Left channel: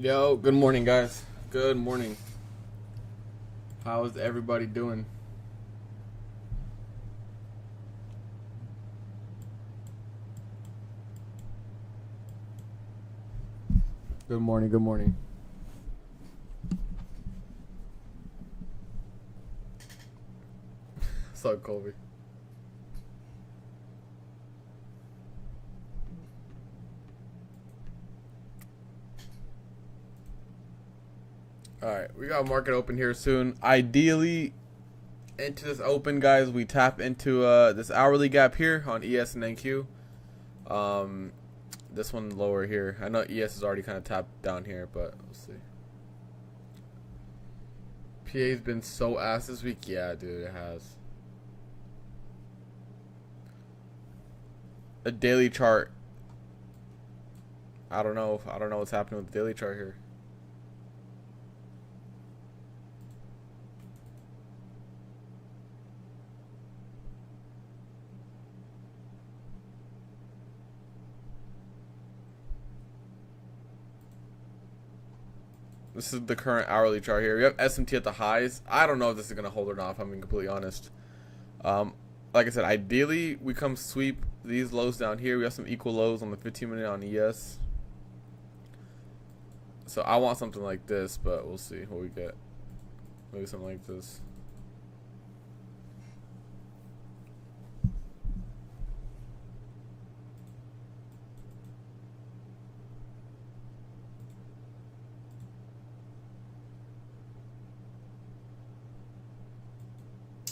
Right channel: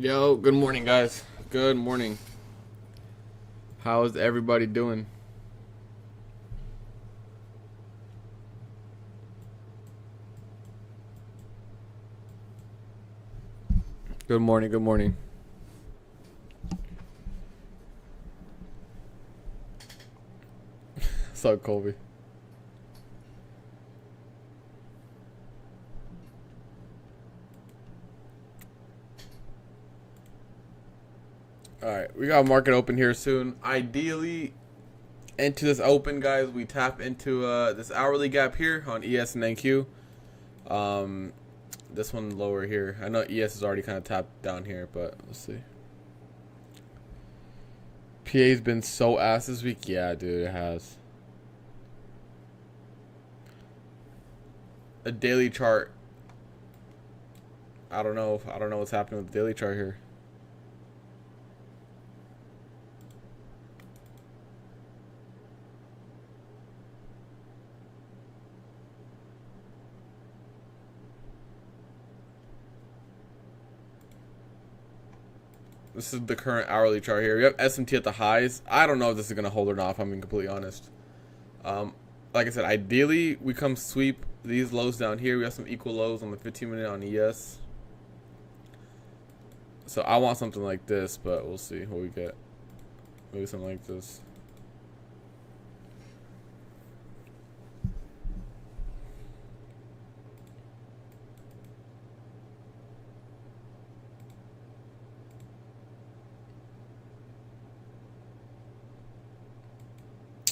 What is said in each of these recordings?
Yo, good morning, guys. Good morning. How is everybody doing? Good morning, good morning. What's up, Colby? Alright, we got market open here soon. Ideally, into this open, guys, we tap into this hourly gap here on ES and NQ. This one lower here. I know ES is already kind of tapped down here, but we'll see. PA's been so ass this week. Yeah, dude, it has. A daily chart. I don't know what's happening with the daily chart here. This is the current hourly chart here. We have SMT at the highs. I don't know if this is going to hold or not, if I'm being completely honest. Like I said, ideally, we come sweep these lows down here. We have some equal lows on the 15-minute on ES. So I want something like this, but we'll see what we get. Maybe something like this.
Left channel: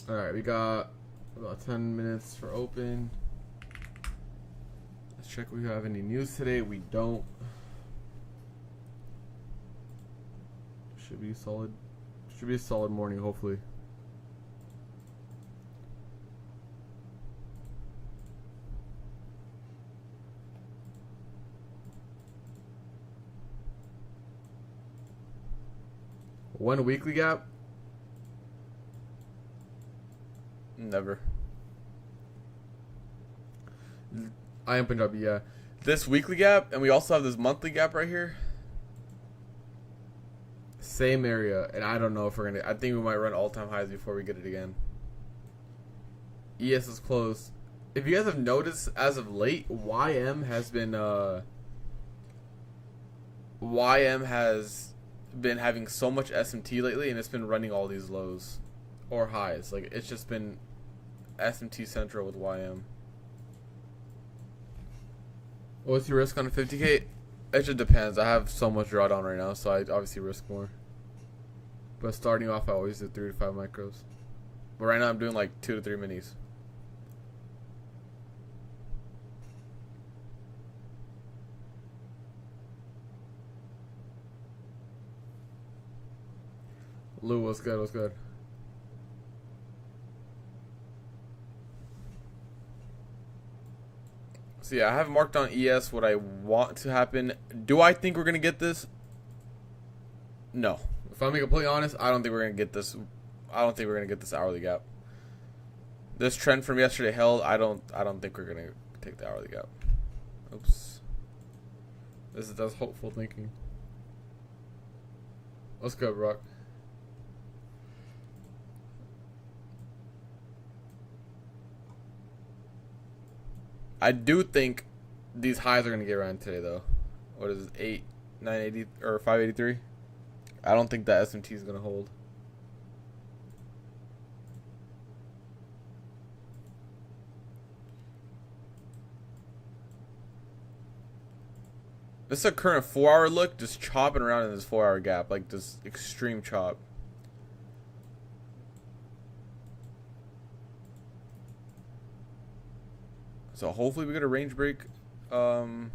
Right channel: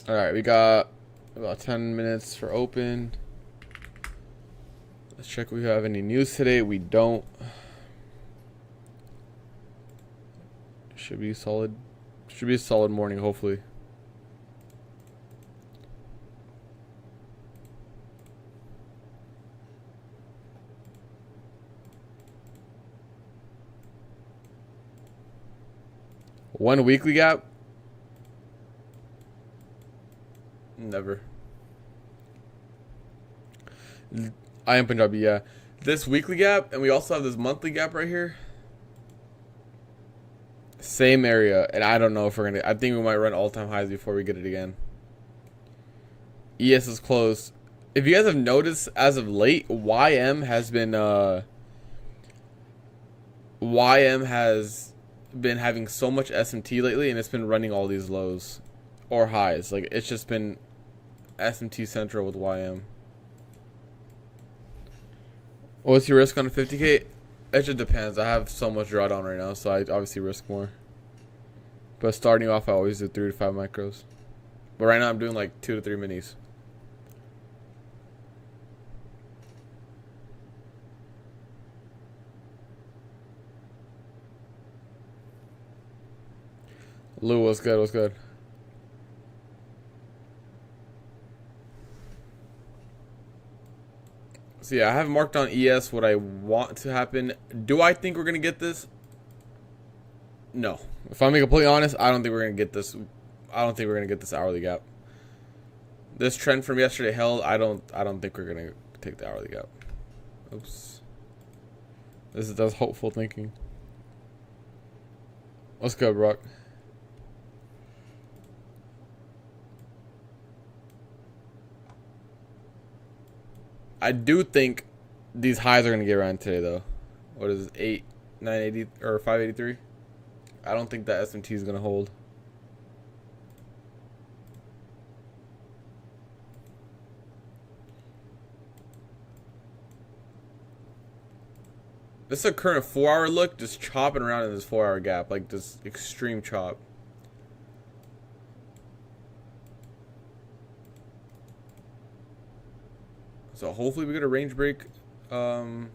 Alright, we got about 10 minutes for open. Let's check if we have any news today. We don't. Should be solid. Should be a solid morning, hopefully. One weekly gap? Never. I am Punjabi, yeah. This weekly gap, and we also have this monthly gap right here. Same area, and I don't know if we're gonna. I think we might run all-time highs before we get it again. ES is closed. If you guys have noticed, as of late, YM has been having so much SMT lately, and it's been running all these lows or highs. Like, it's just been SMT central with YM. What's your risk on a 50K? It just depends. I have so much drawdown right now, so I obviously risk more. But starting off, I always do 3 to 5 micros. But right now, I'm doing like 2 to 3 minis. Lou, what's good? What's good? So yeah, I have marked on ES what I want to happen. Do I think we're gonna get this? No. If I'm being completely honest, I don't think we're gonna get this. I don't think we're gonna get this hourly gap. This trend from yesterday held. I don't think we're gonna take the hourly gap. Oops. That's hopeful thinking. Let's go, Brock. I do think these highs are going to get around today, though. What is it? 980 or 583? I don't think that SMT is going to hold. This is a current 4-hour look, just chopping around in this 4-hour gap, like this extreme chop. So hopefully we get a range break. Hopefully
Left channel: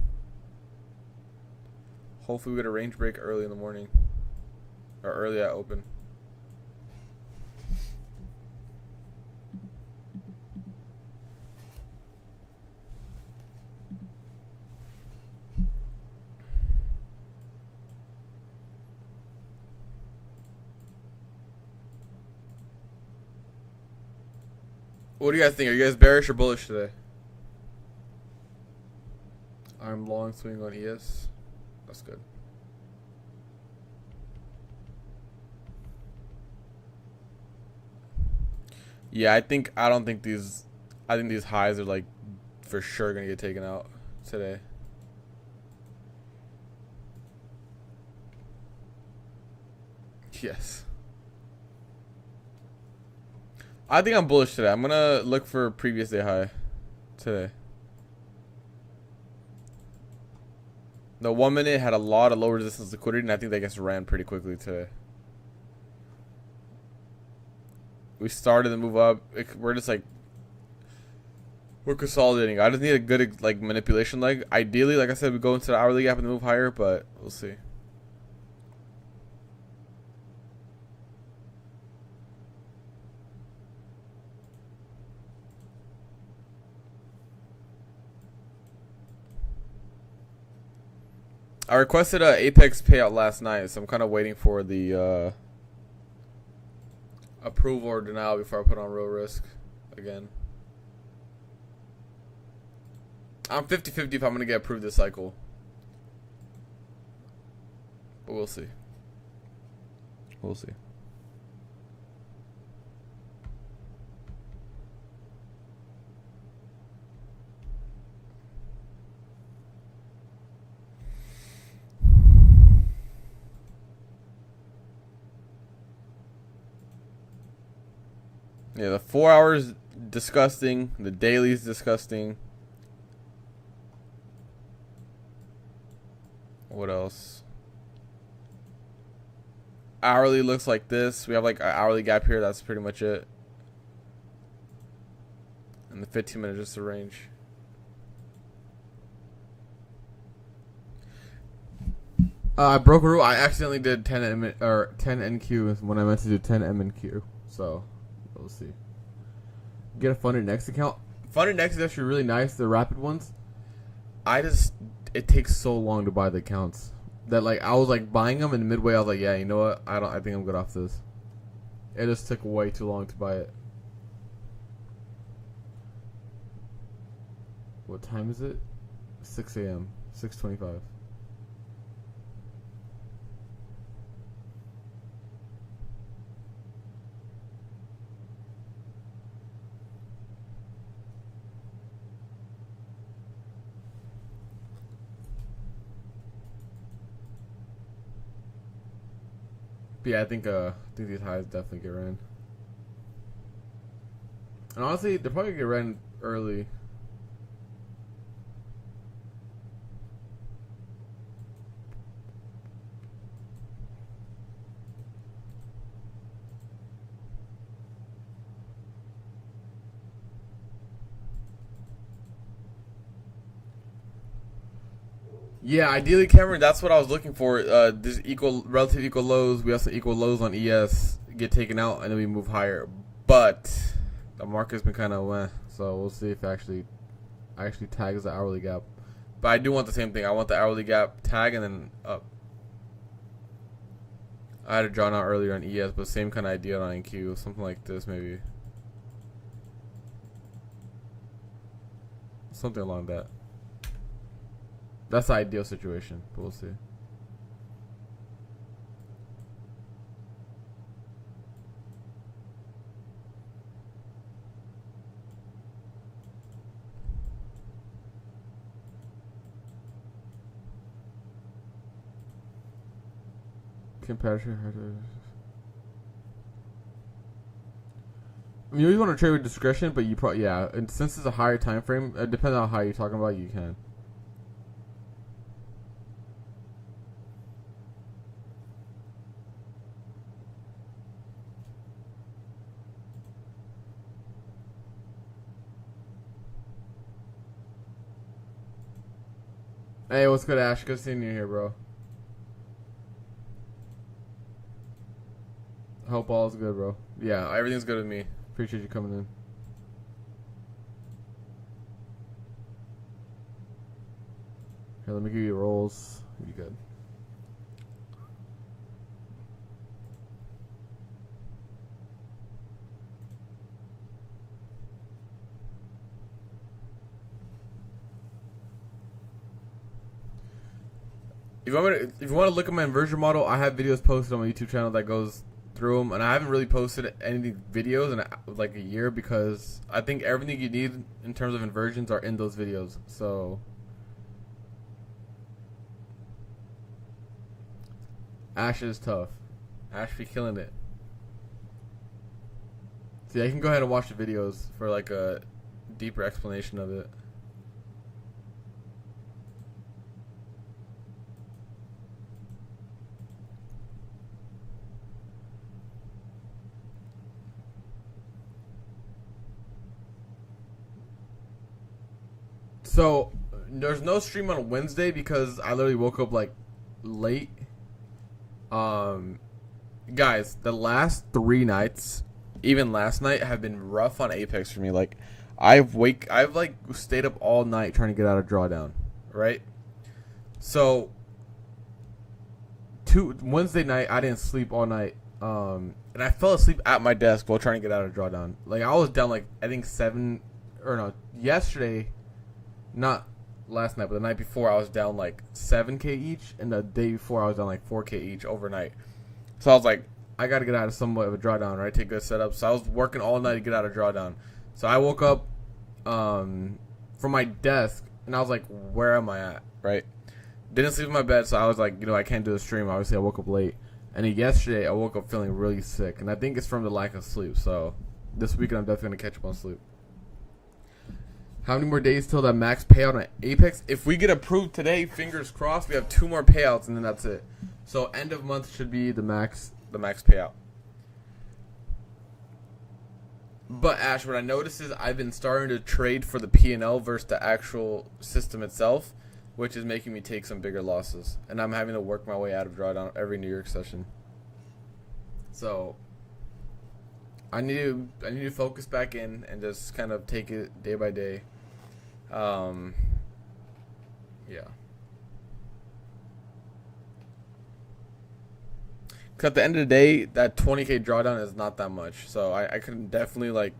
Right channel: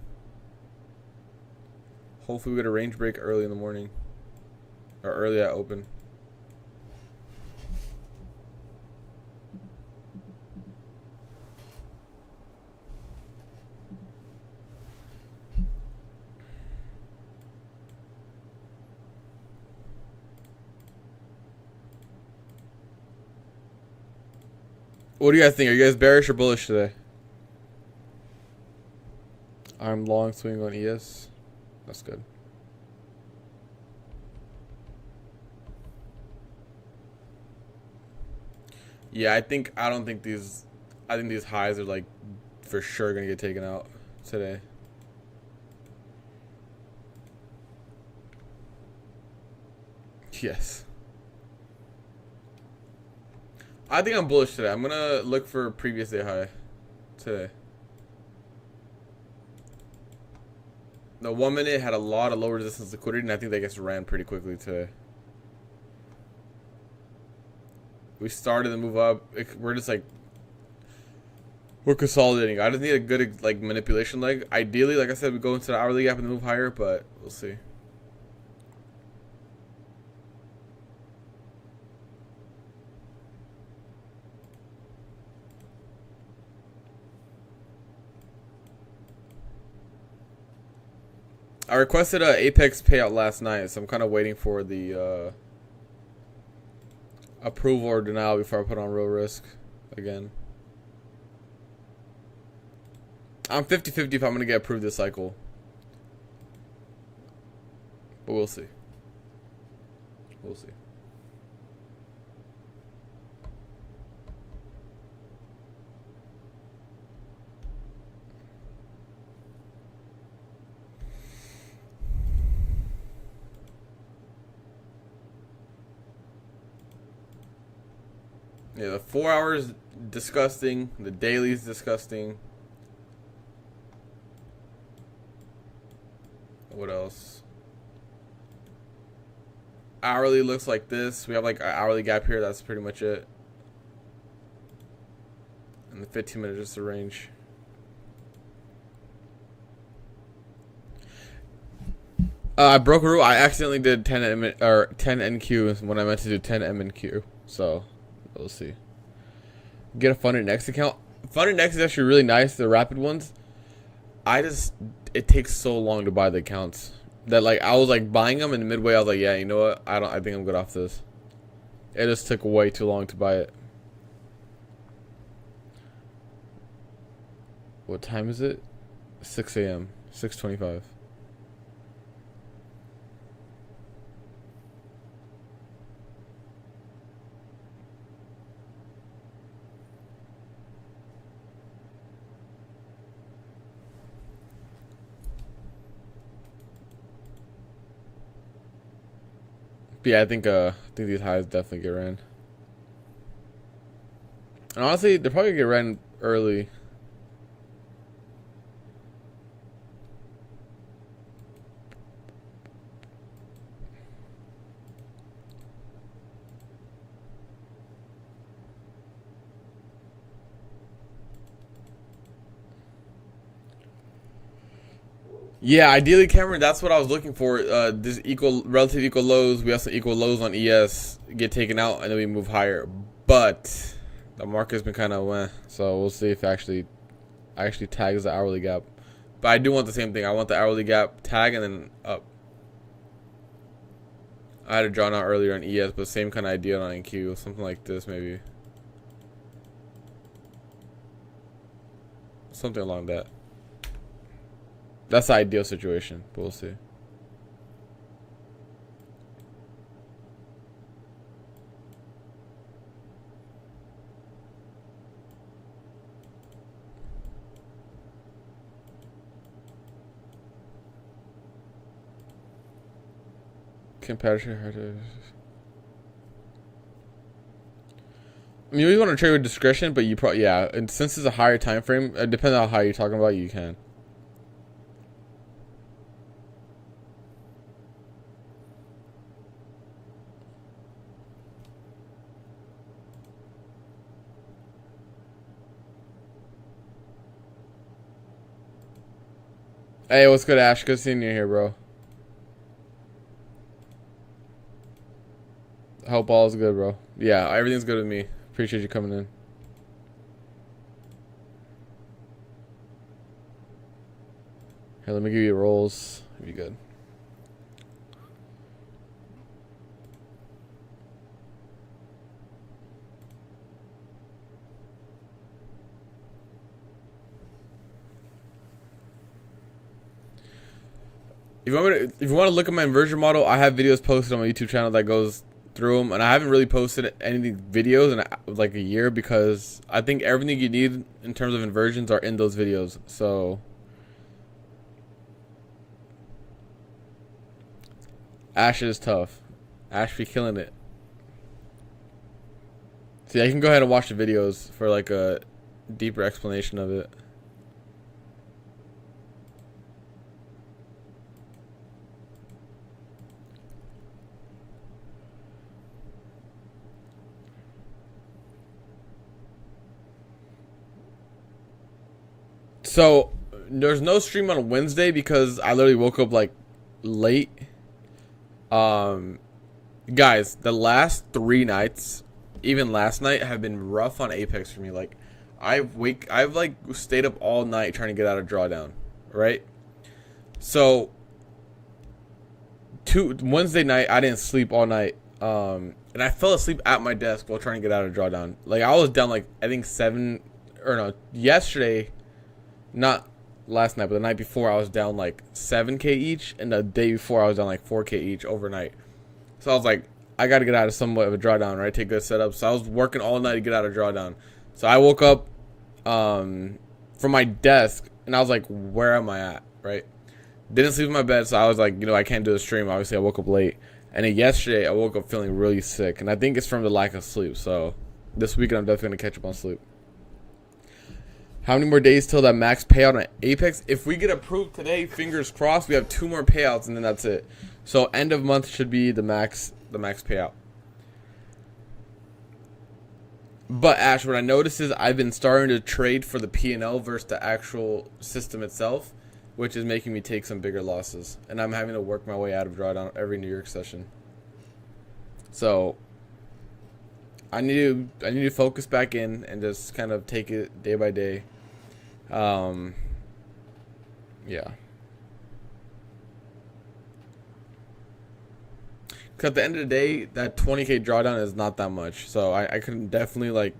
we get a range break early in the morning. Or early at open. What do you guys think? Are you guys bearish or bullish today? I'm long swing on ES. That's good. Yeah, I don't think these. I think these highs are like for sure gonna get taken out today. Yes. I think I'm bullish today. I'm gonna look for previous day high today. The 1 minute had a lot of low resistance liquidity, and I think that gets ran pretty quickly today. We started to move up. We're just like we're consolidating. I just need a good like manipulation leg. Ideally, like I said, we go into the hourly gap and move higher, but we'll see. I requested a Apex payout last night, so I'm kind of waiting for the approval or denial before I put on real risk again. I'm 50-50 if I'm going to get approved this cycle. But we'll see. We'll see. Yeah, the 4 hours disgusting. The daily's disgusting. What else? Hourly looks like this. We have like an hourly gap here. That's pretty much it. And the 15 minute just a range. I broke a rule. I accidentally did 10 NQ when I meant to do 10 MNQ. So we'll see. Get a Funded Next account. Funded Next is actually really nice. The rapid ones. It takes so long to buy the accounts that like I was like buying them, and midway I was like, yeah, you know what? I think I'm good off this. It just took way too long to buy it. What time is it? 6 a.m. 6:25. But yeah, I think these highs definitely get ran. And honestly, they'll probably get ran early. Yeah, ideally, Cameron, that's what I was looking for. This relative equal lows. We have some equal lows on ES get taken out, and then we move higher. But the market's been kind of weh, so we'll see if it actually tags the hourly gap. But I do want the same thing. I want the hourly gap tag and then up. I had it drawn out earlier on ES, but same kind of idea on NQ, something like this maybe. Something along that. That's the ideal situation, but we'll see. Competitor. I mean, you want to trade with discretion, but you probably and since it's a higher time frame, depending on how you're talking about, you can. Hey, what's good, Ash? Good seeing you here, bro. Hope all is good, bro. Yeah, everything's good with me. Appreciate you coming in. Here, let me give you rolls. Be good. If you want to look at my inversion model, I have videos posted on my YouTube channel that goes through them, and I haven't really posted any videos in like a year because I think everything you need in terms of inversions are in those videos. So Ash is tough. Ash be killing it. See, I can go ahead and watch the videos for like a deeper explanation of it. So there's no stream on Wednesday because I literally woke up like late. Guys, the last 3 nights, even last night, have been rough on Apex for me. Like, I've like stayed up all night trying to get out of drawdown, right? So Wednesday night, I didn't sleep all night. And I fell asleep at my desk while trying to get out of drawdown. Like, I was down like I think yesterday. Not last night, but the night before, I was down like 7K each, and the day before, I was down like 4K each overnight. So I was like, I got to get out of somewhat of a drawdown, right? Take good setup. So I was working all night to get out of drawdown. So I woke up from my desk, and I was like, where am I at, right? Didn't sleep in my bed, so I was like, I can't do a stream. Obviously, I woke up late. And then yesterday, I woke up feeling really sick, and I think it's from the lack of sleep. So this weekend, I'm definitely going to catch up on sleep. How many more days till that max payout on Apex? If we get approved today, fingers crossed, we have 2 more payouts and then that's it. So end of month should be the max payout. But Ash, what I noticed is I've been starting to trade for the P&L versus the actual system itself, which is making me take some bigger losses. And I'm having to work my way out of drawdown every New York session. So I need to focus back in and just kind of take it day by day. Yeah. Because at the end of the day, that 20K drawdown is not that much. So I can definitely, like,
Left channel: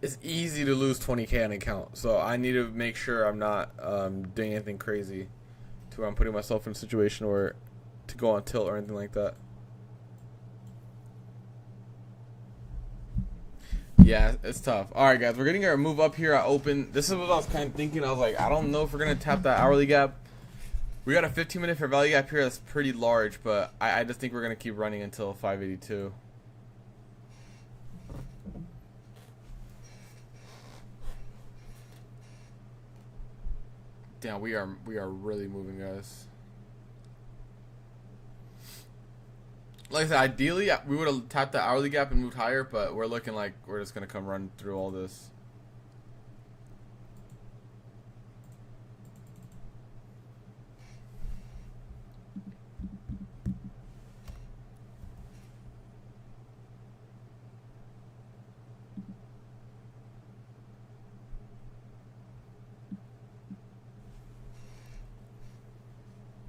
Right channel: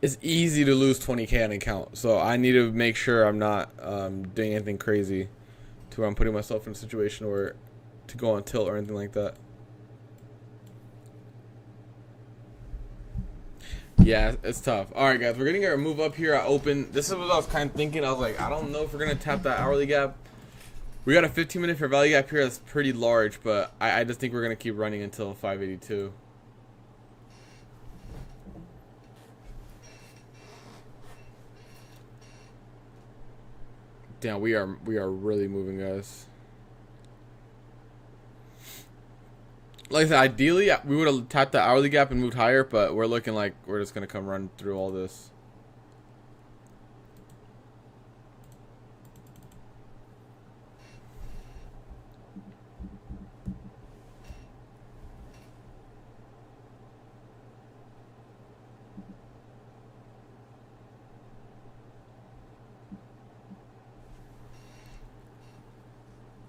it's easy to lose 20K on an account. So I need to make sure I'm not doing anything crazy to where I'm putting myself in a situation where to go on tilt or anything like that. Yeah, it's tough. All right, guys, we're getting our move up here. I open. This is what I was kind of thinking. I was like, I don't know if we're going to tap that hourly gap. We got a 15-minute fair value gap here that's pretty large, but I just think we're going to keep running until 582. Damn, we are really moving, guys. Like I said, ideally, we would have tapped the hourly gap and moved higher, but we're looking like we're just going to come run through all this.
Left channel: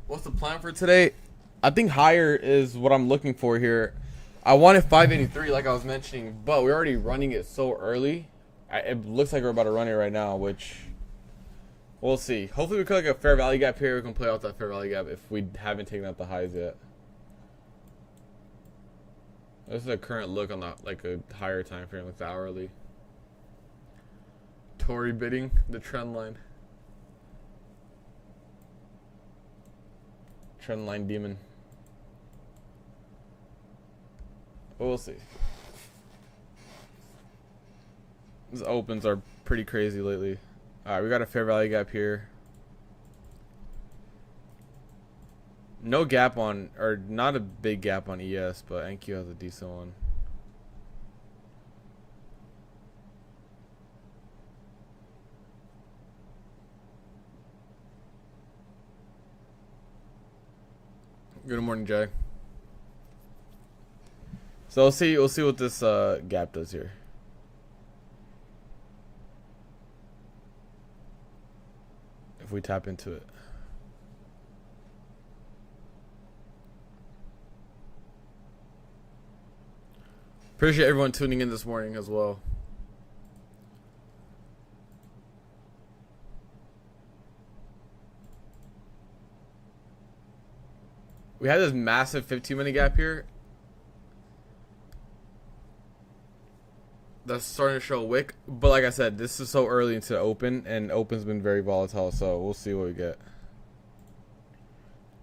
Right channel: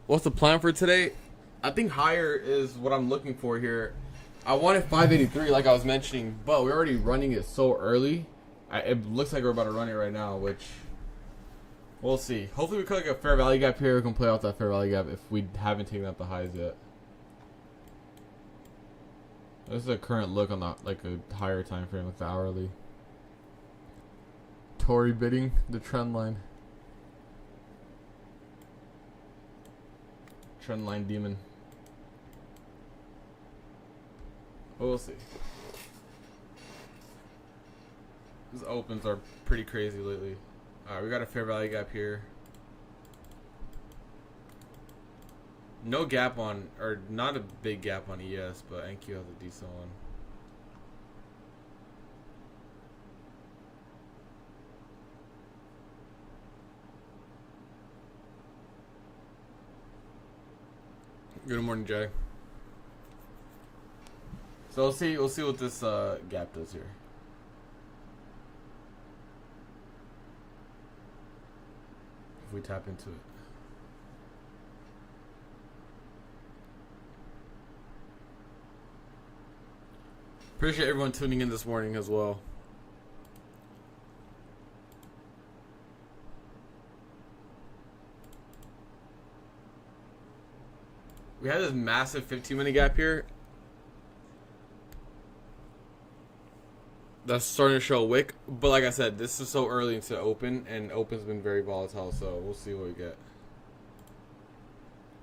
What's the plan for today? I think higher is what I'm looking for here. I wanted 583 like I was mentioning, but we're already running it so early. It looks like we're about to run it right now, which we'll see. Hopefully we could like a fair value gap here. We can play out that fair value gap if we haven't taken out the highs yet. This is a current look on the like a higher time frame, like the hourly. Tory bidding the trend line. Trend line demon. But we'll see. These opens are pretty crazy lately. Alright, we got a fair value gap here. No gap on, or not a big gap on ES, but NQ has a decent one. Good morning, Jay. So we'll see what this gap does here. If we tap into it. Appreciate everyone tuning in this morning as well. We had this massive 15-minute gap here. That's starting to show a wick. But like I said, this is so early into open, and open's been very volatile. So we'll see what we get.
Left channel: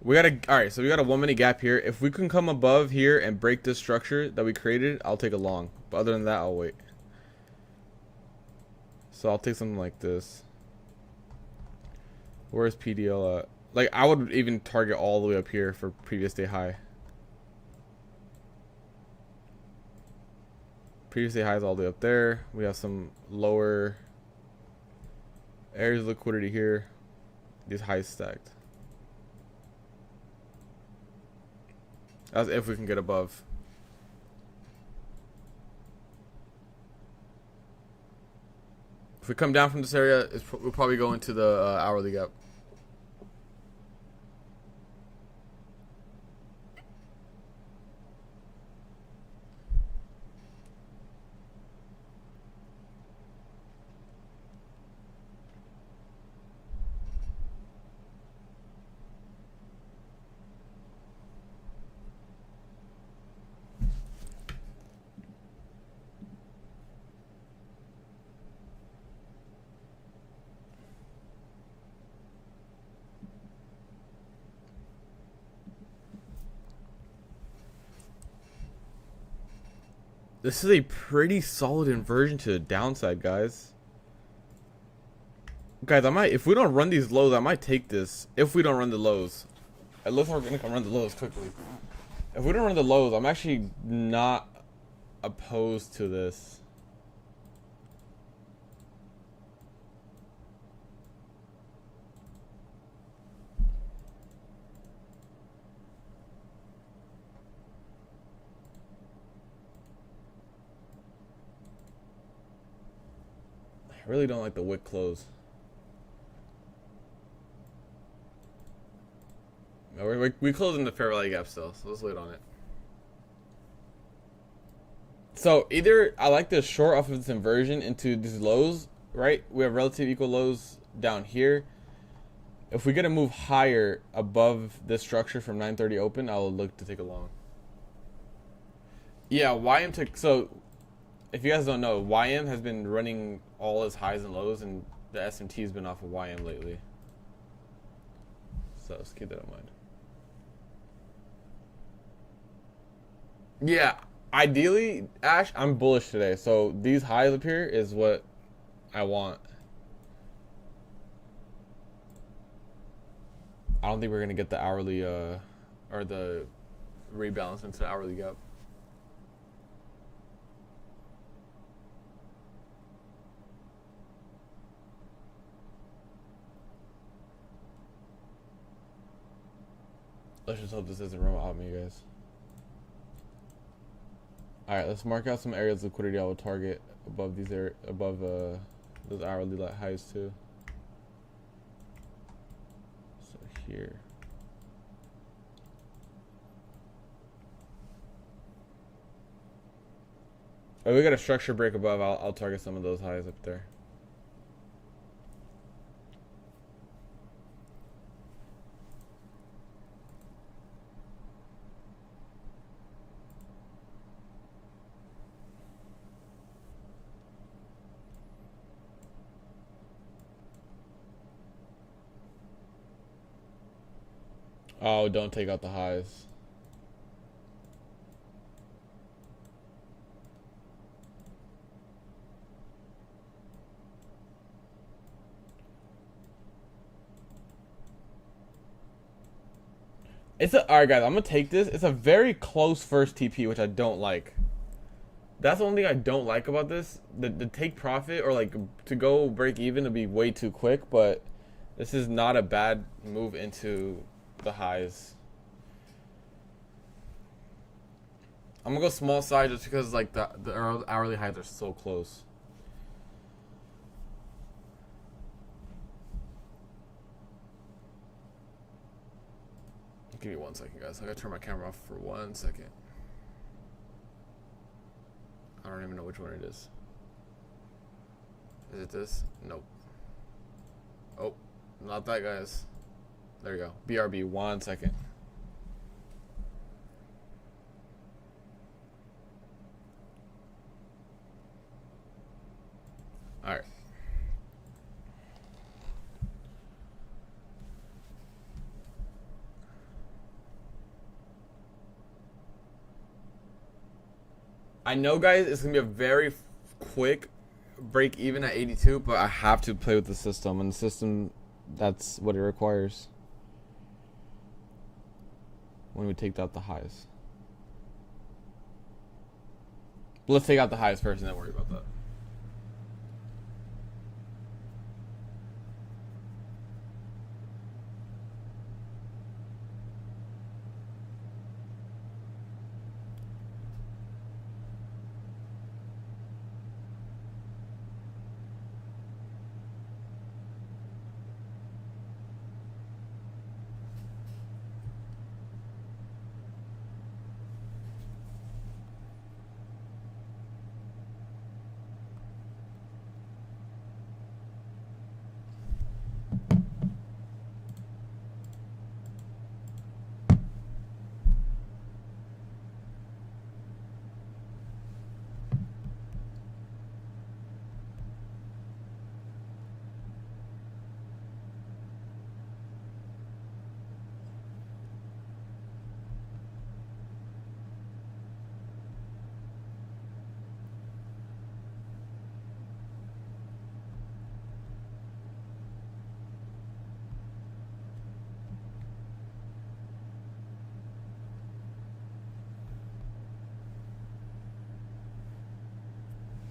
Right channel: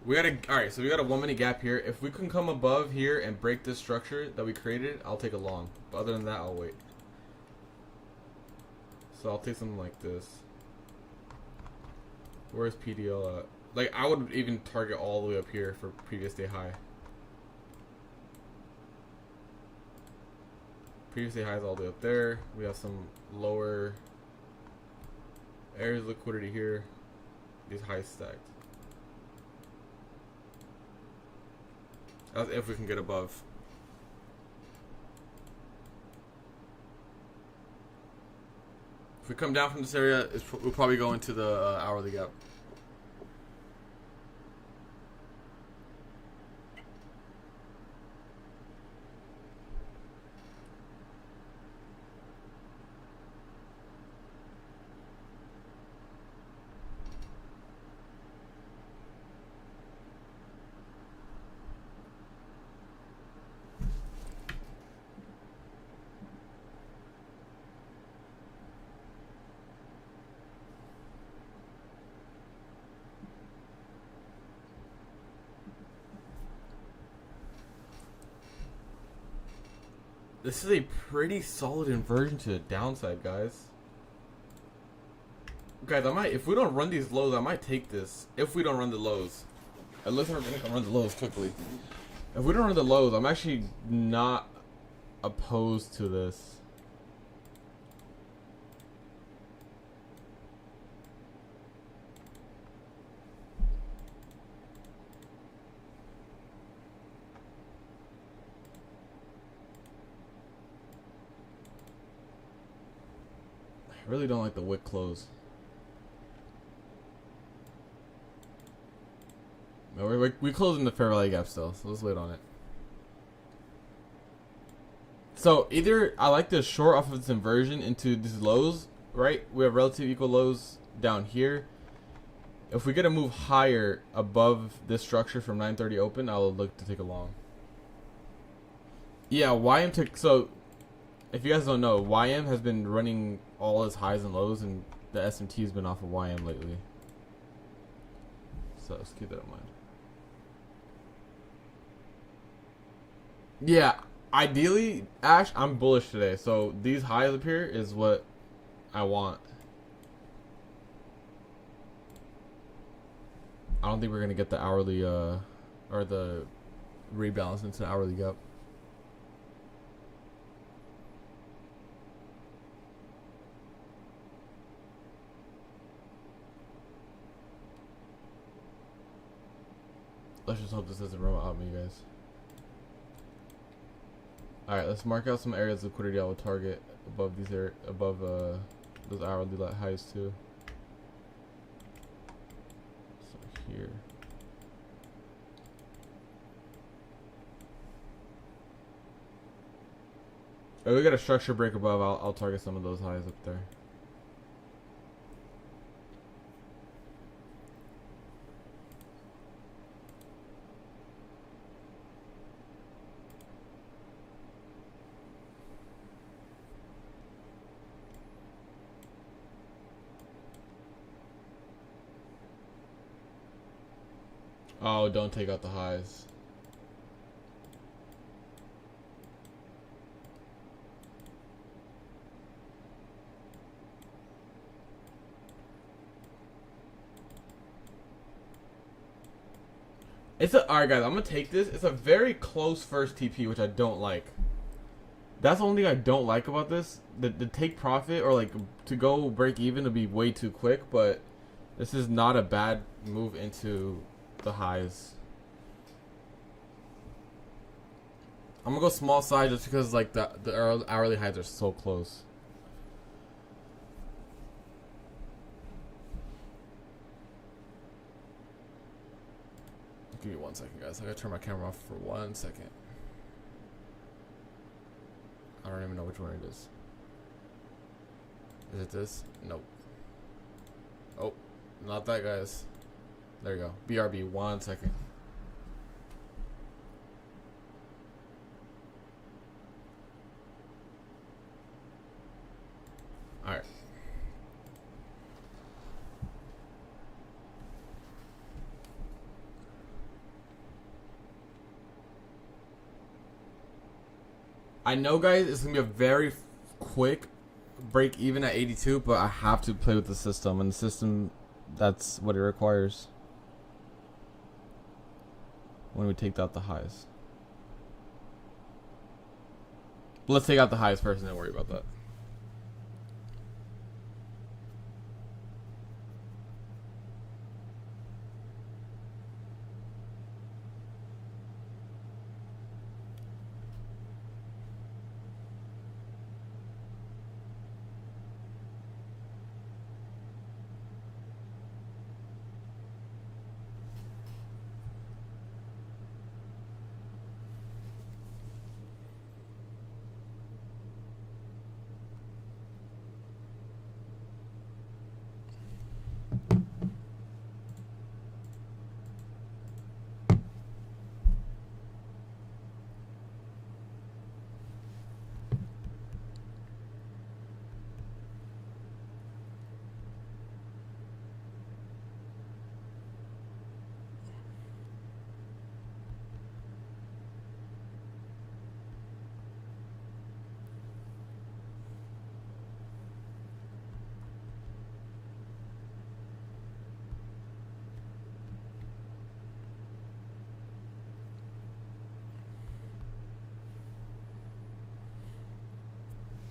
We got a all right. So we got a 1 minute gap here. If we can come above here and break this structure that we created, I'll take a long. But other than that, I'll wait. So I'll take something like this. Where's PDL at? Like, I would even target all the way up here for previous day high. Previous day high is all the way up there. We have some lower areas of liquidity here. These highs stacked. That's if we can get above. If we come down from this area, we'll probably go into the hourly gap. This is a pretty solid inversion to the downside, guys. Guys, I might, if we don't run these lows, I might take this. If we don't run the lows. It looks like we're going to run the lows quickly. If we don't run the lows, I'm actually not opposed to this. I really don't like the wick close. No, we close in the fair value gap still, so let's wait on it. So either I like to short off of this inversion into these lows, right? We have relative equal lows down here. If we get a move higher above this structure from 930 open, I'll look to take a long. Yeah, YM took, so if you guys don't know, YM has been running all its highs and lows, and the SMT has been off of YM lately. So let's keep that in mind. Yeah, ideally, Ash, I'm bullish today. So these highs up here is what I want. I don't think we're going to get the hourly, or the rebalance into the hourly gap. Let's just hope this doesn't run out me, guys. Alright, let's mark out some areas of liquidity I would target above these those hourly highs too. So here. If we got a structure break above, I'll target some of those highs up there. Oh, don't take out the highs. Alright guys, I'm gonna take this. It's a very close first TP, which I don't like. That's the only thing I don't like about this. The take profit or like to go break even to be way too quick, but this is not a bad move into the highs. I'm gonna go small side just because like the hourly highs are so close. Give me 1 second, guys. I gotta turn my camera off for 1 second. I don't even know which one it is. Is it this? Nope. Oh, not that, guys. There you go. BRB, 1 second. All right. I know, guys, it's gonna be a very quick break even at 82, but I have to play with the system, and the system, that's what it requires. When we take out the highs, let's take out the highs first, and then worry about that.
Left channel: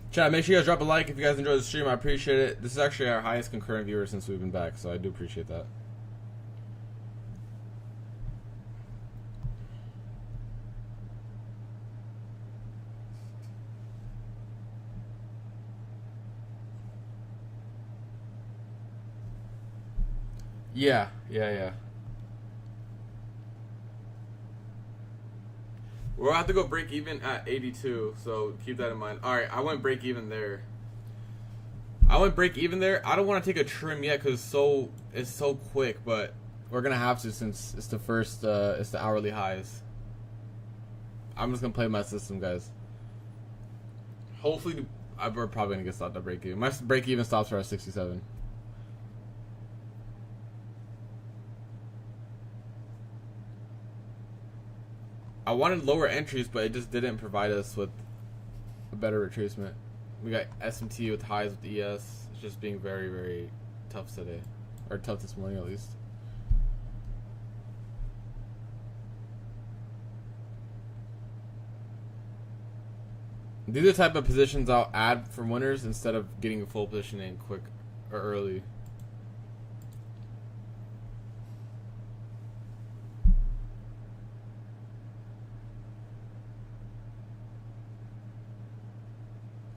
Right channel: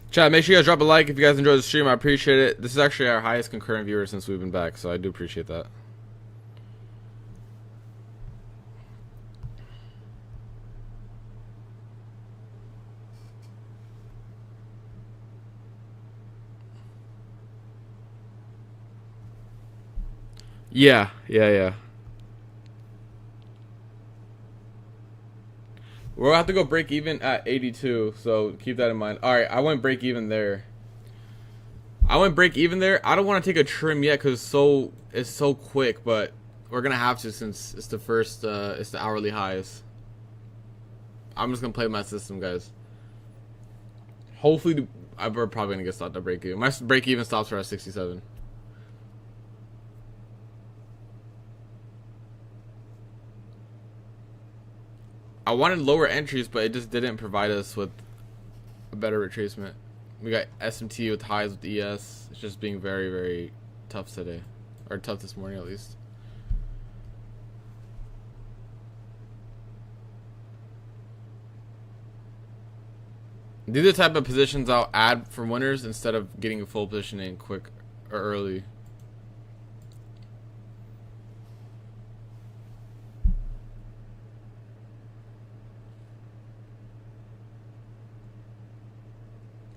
Chat, make sure you guys drop a like if you guys enjoyed the stream. I appreciate it. This is actually our highest concurrent viewers since we've been back, so I do appreciate that. Yeah. We'll have to go break even at 82, so keep that in mind. All right, I went break even there. I don't want to take a trim yet because it's so quick, but we're gonna have to since it's the first it's the hourly highs. I'm just gonna play my system, guys. Hopefully, we're probably gonna get stopped at break even. My break even stops for at 67. I wanted lower entries, but it just didn't provide us with a better retracement. We got SMT with highs with ES. It's just being very, very tough today. Or tough this morning, at least. These are the type of positions I'll add for winners instead of getting a full position in quick or early.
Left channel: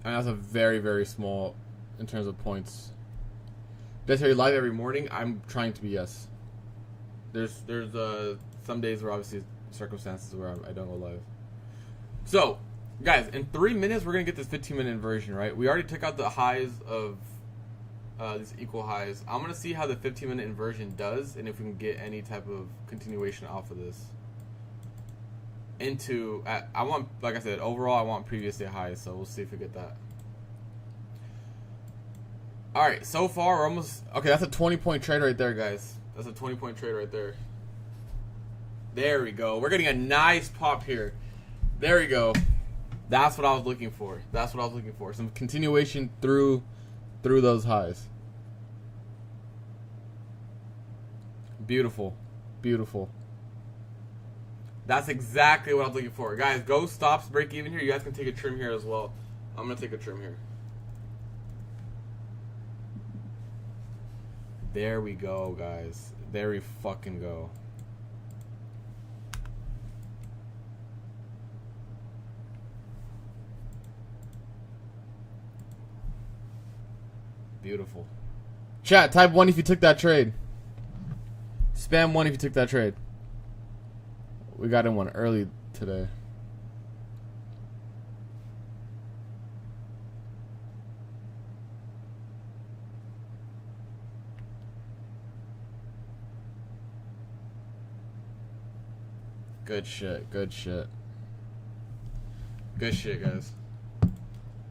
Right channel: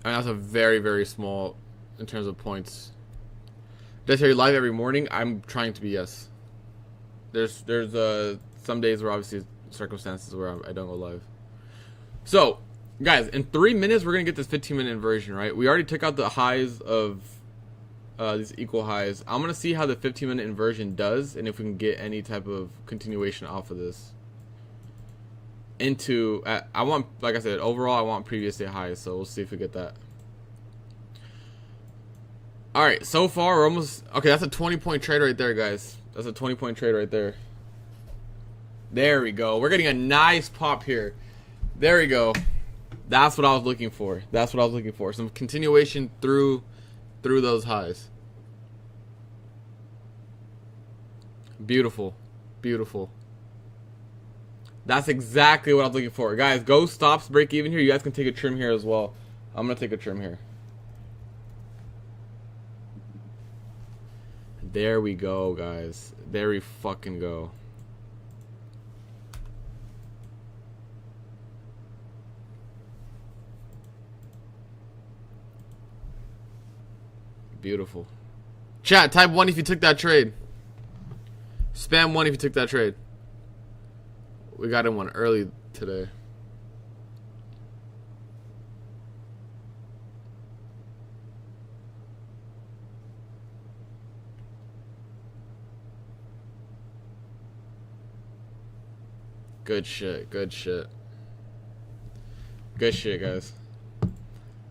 And that's a very, very small in terms of points. Did I say you're live every morning? I'm trying to be, yes. There's some days where obviously circumstances where I don't go live. So, guys, in 3 minutes we're gonna get this 15-minute inversion, right? We already took out the highs of these equal highs. I'm gonna see how the 15-minute inversion does, and if we can get any type of continuation off of this. Into I want, like I said, overall I want previous day highs, so we'll see if we get that. All right, so far we're almost okay. That's a 20-point trade right there, guys. That's a 20-point trade right there. There we go. We're getting a nice pop here. There we go. That's what I was looking for. That's what I was looking for. Some continuation through those highs. Beautiful, beautiful. That's exactly what I was looking for. Guys, go stops, break even here. You guys can take a trim here as well. I'm going to take a trim here. There we go, guys. There we fucking go. Beautiful. Chat, type 1 if you took that trade. Spam 1 if you took that trade. We got in one early today. Good shit, good shit. Good shit, guys.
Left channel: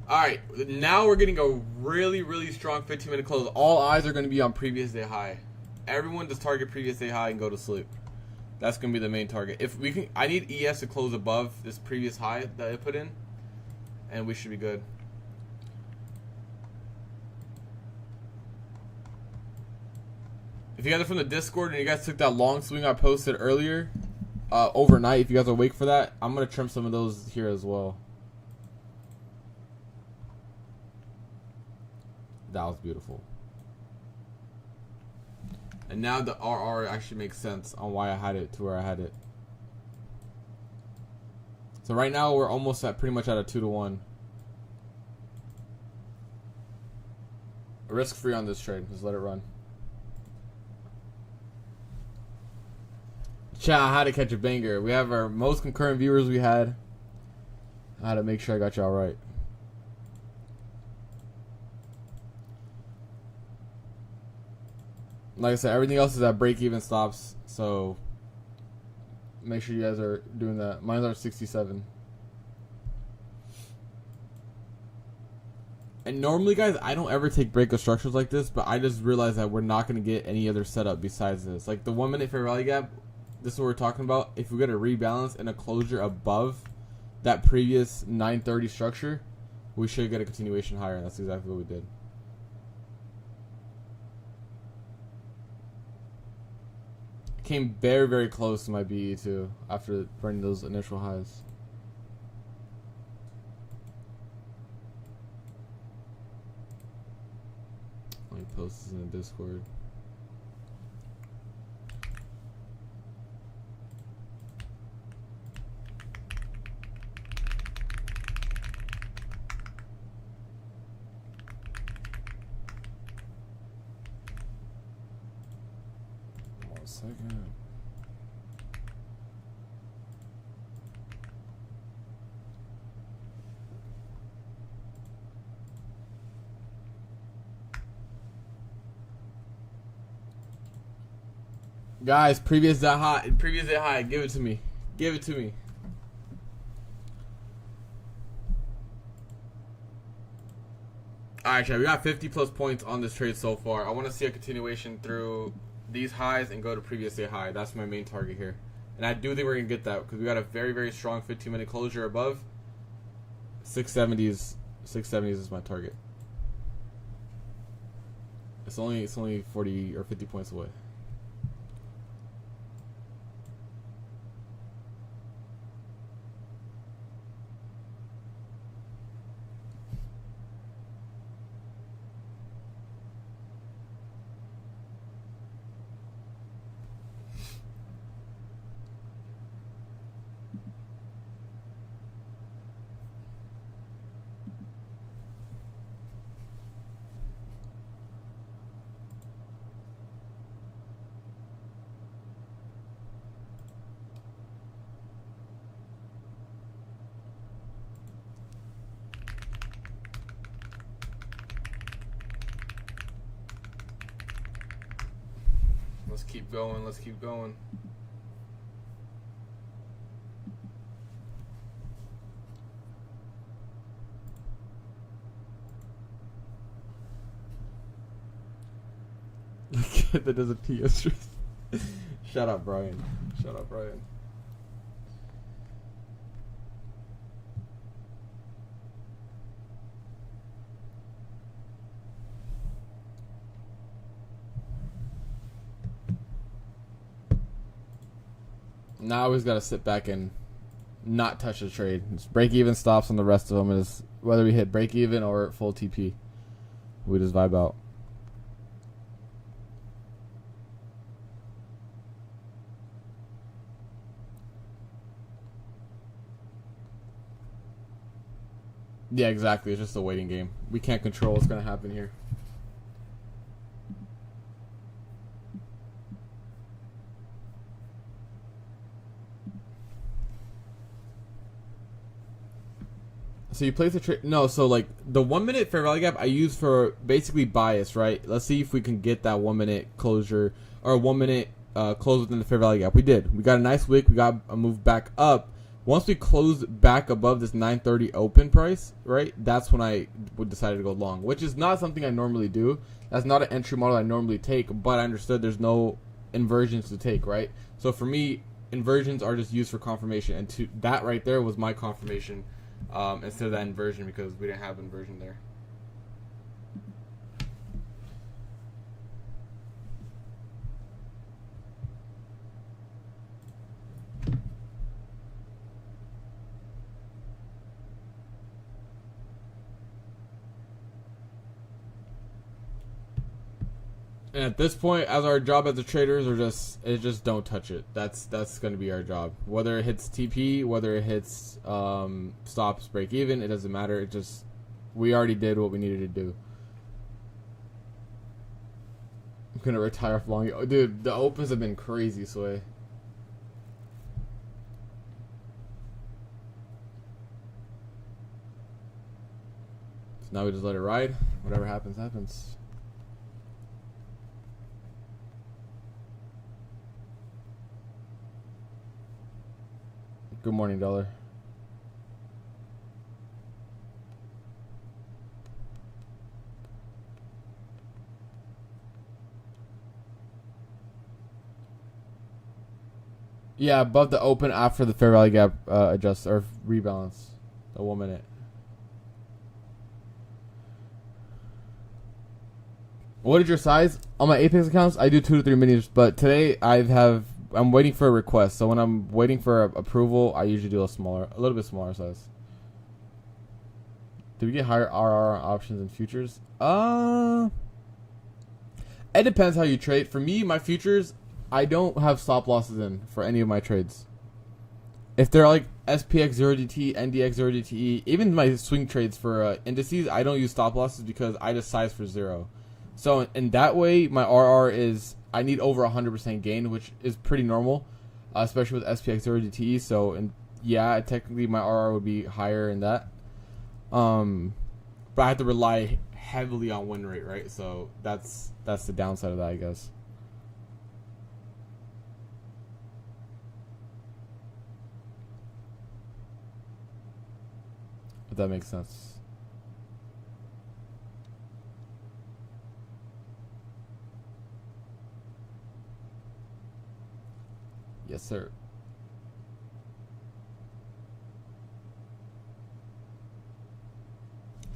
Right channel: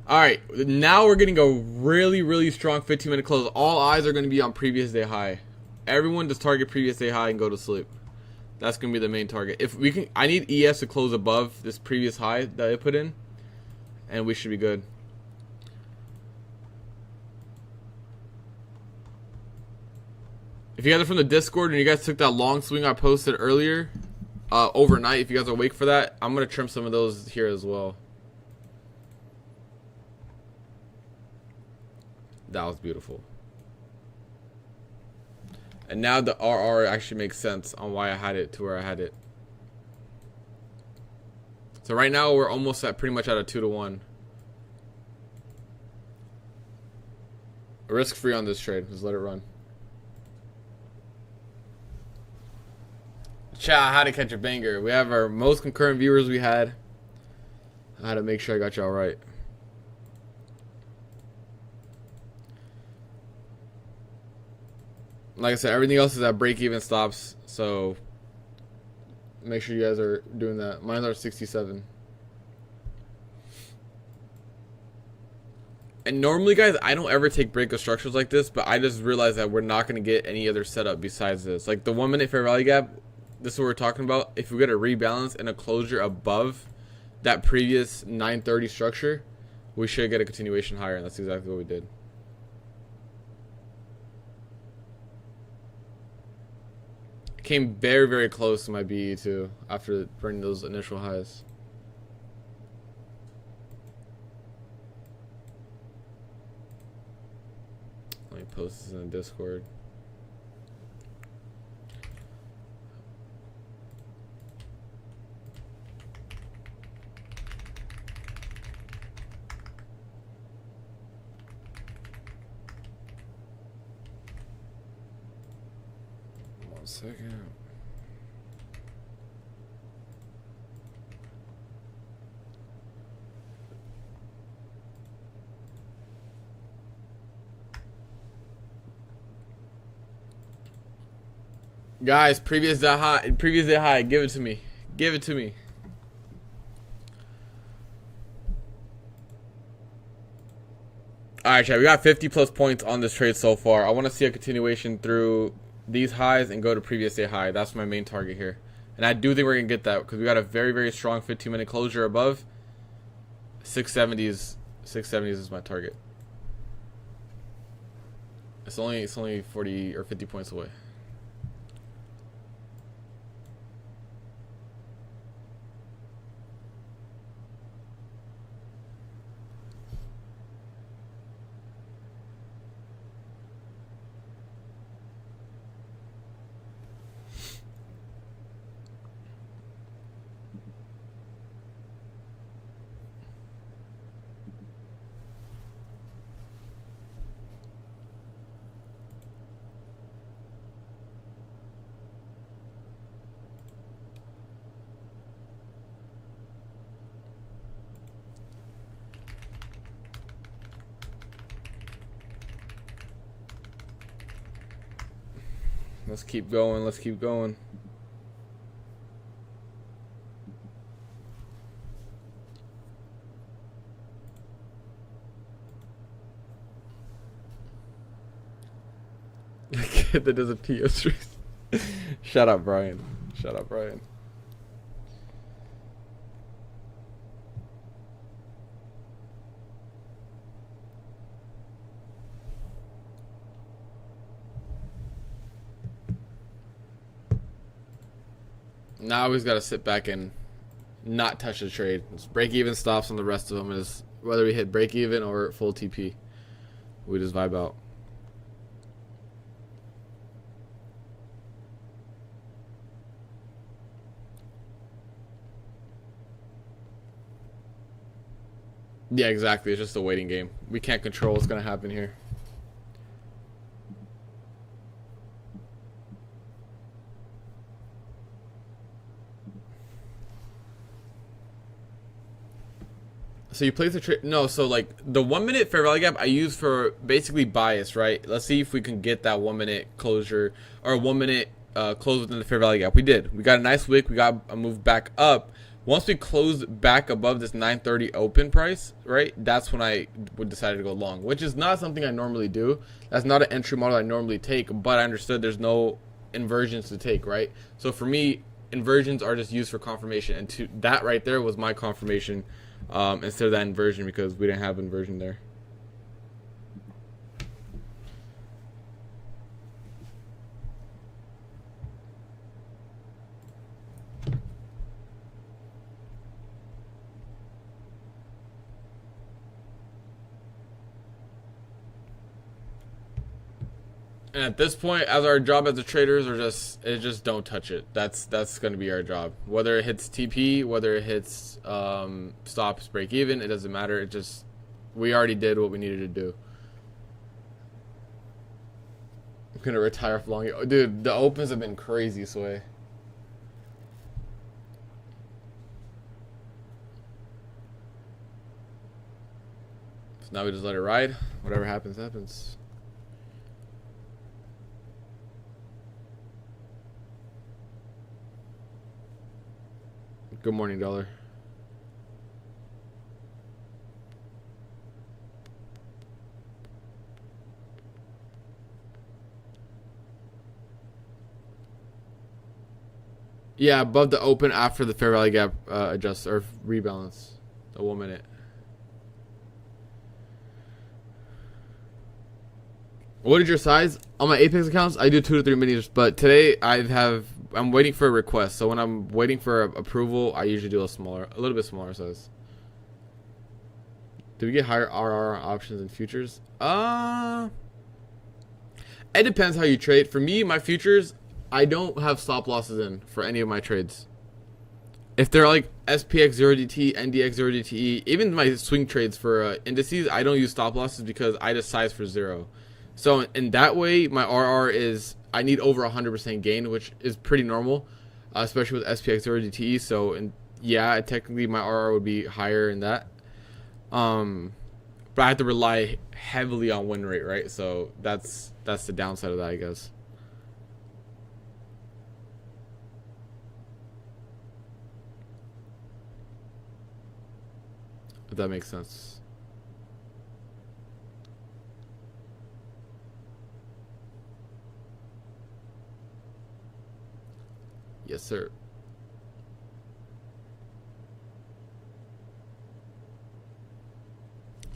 All right, now we're getting a really, really strong 15-minute close. All eyes are going to be on previous day high. Everyone just target previous day high and go to sleep. That's going to be the main target. If we can, I need ES to close above this previous high that I put in, and we should be good. If you guys are from the Discord and you guys took that long swing I posted earlier, overnight, if you guys are awake for that, I'm going to trim some of those here as well. That was beautiful. And now the RR actually makes sense on why I had it to where I had it. So right now we're almost at pretty much at a 2-to-1. Risk free on this trade. Just let it run. Chat, I had to catch a banger. We have our most concurrent viewers we had. I had to make sure I got y'all right. Like I said, everything else is at break-even stops, so make sure you guys are doing that. Mine are 67. And normally, guys, I don't ever take break of structures like this, but I just realized that we're not going to get any other setup besides this. Like the 1 minute fair value gap, this is what we're talking about. If we get a rebalance and a closure above that previous 930 structure, we should get a continuation higher, and that's exactly what we did. Came very, very close to my BE too after bringing those initial highs. Let me post this in the Discord. One second. Guys, previous day high, give it to me. Give it to me. Alright, chat, we got 50 plus points on this trade so far. I want to see a continuation through these highs and go to previous day high. That's my main target here. And I do think we're going to get that because we got a very, very strong 15-minute closure above. 670s is my target. It's only 40 or 50 points away. Let's keep going. Let's keep going. That does a TO stream. Shut up, Brian. Shut up, Brian. Now I always gotta sit back and not touch the trade. Just break even stops on the rest of them is whether we hit break even or full TP. We just vibe out. Yeah, exactly. It's just a waiting game. We can't control what's gonna happen here. So you place the trade. No, so like the 1 minute fair value gap I use for basically bias, right? Let's see if we can get that 1 minute closure or 1 minute close within the fair value gap. We did. We got a nice wick. We got a move back up. Once we close back above this 930 open price, right, that's when I would decide to go long, which is not something I normally do. That's not an entry model I normally take, but I understood there's no inversions to take, right? So for me, inversions are just used for confirmation, and that right there was my confirmation instead of that inversion, because we didn't have inversion there. And at this point, as our job as the traders, just don't touch it. That's going to be our job. Whether it hits TP, whether it hits stops, break even, it doesn't matter. We already did what we needed to do. I'm gonna retire for long. Dude, the opens have been crazy, Sway. So now we just let it ride. Whatever happens, happens. Good morning, dollar. Yeah, above the open after the fair value gap adjust or rebalance. A 1 minute. What is your size? On my Apex accounts, I do 2 to 3 minis, but today I'm waiting for a request. So when I'm waiting for approval, I usually do a little bit smaller size. Do we get higher RR on options and futures? It depends how you trade. For me, my futures, I don't have stop losses in for any of my trades. If they're like SPX 0DT, NDX 0DTE, even my swing trades for indices, I don't use stop losses because I just size for 0. So in that way, my RR is, I need over 100% gain, which is pretty normal, especially with SPX 0DTE. So yeah, technically my RR would be higher in that. But I have to rely heavily on win rate, right? So that's the downside of that, I guess. If that makes sense. Yes, sir.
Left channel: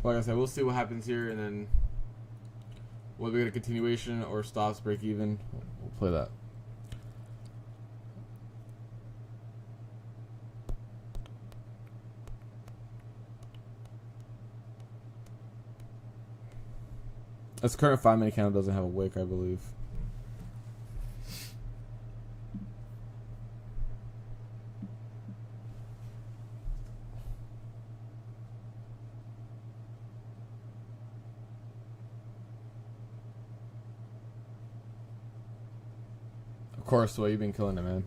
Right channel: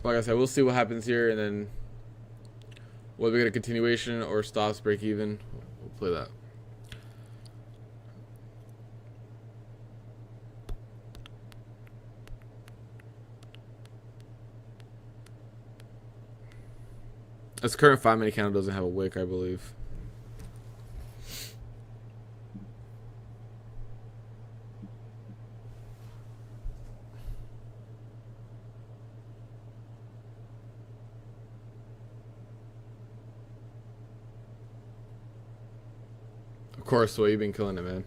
Like I said, we'll see what happens here, and then whether we get a continuation or stops, break even, we'll play that. This current 5-minute candle doesn't have a wick, I believe. Of course, so you've been killing it, man.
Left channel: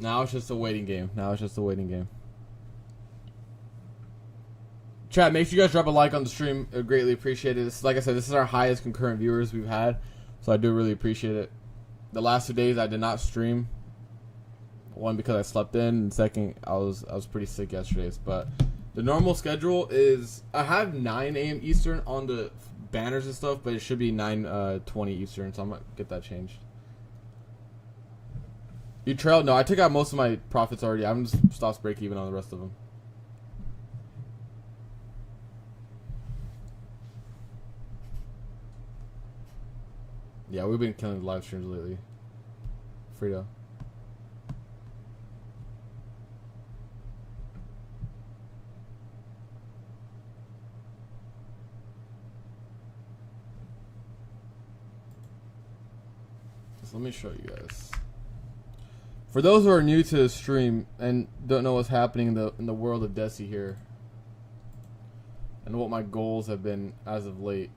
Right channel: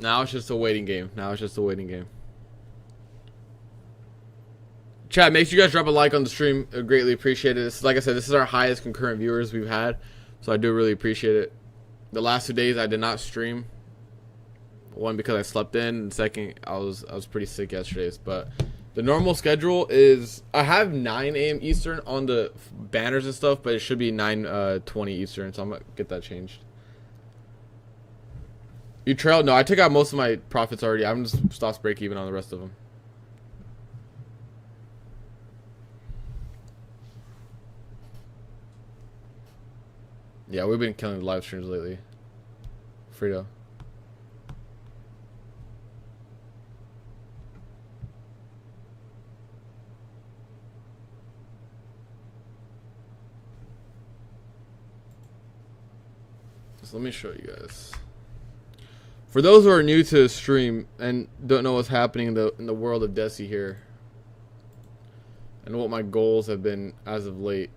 Now it's just a waiting game. Chat, make sure you guys drop a like on the stream. I greatly appreciate it. Like I said, this is our highest concurrent viewers we've had, so I do really appreciate it. The last 2 days I did not stream. One, because I slept in, and second, I was pretty sick yesterday. But the normal schedule is I have 9 a.m. Eastern on the banners and stuff, but it should be 9:20 Eastern, so I'm gonna get that changed. You trailed? No, I took out most of my profits already. I'm just stops break even on the rest of them. Yeah, we've been killing the live streams lately. Frito. So let me show you guys. For those who are new to the stream and don't know what's happening in the world of Desi here, and what my goals have been as of late,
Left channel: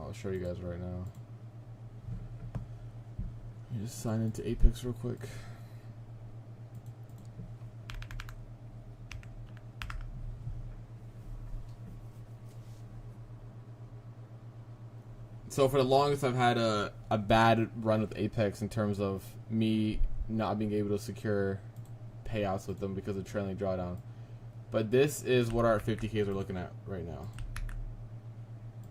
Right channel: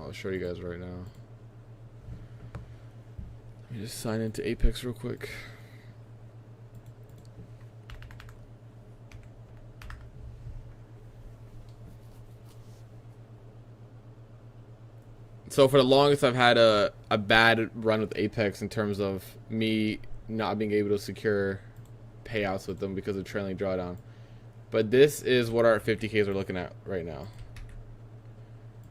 I'll show you guys right now. Let me just sign into Apex real quick. So for the longest, I've had a bad run with Apex in terms of me not being able to secure payouts with them because of trailing drawdown. But this is what our 50Ks are looking at right now.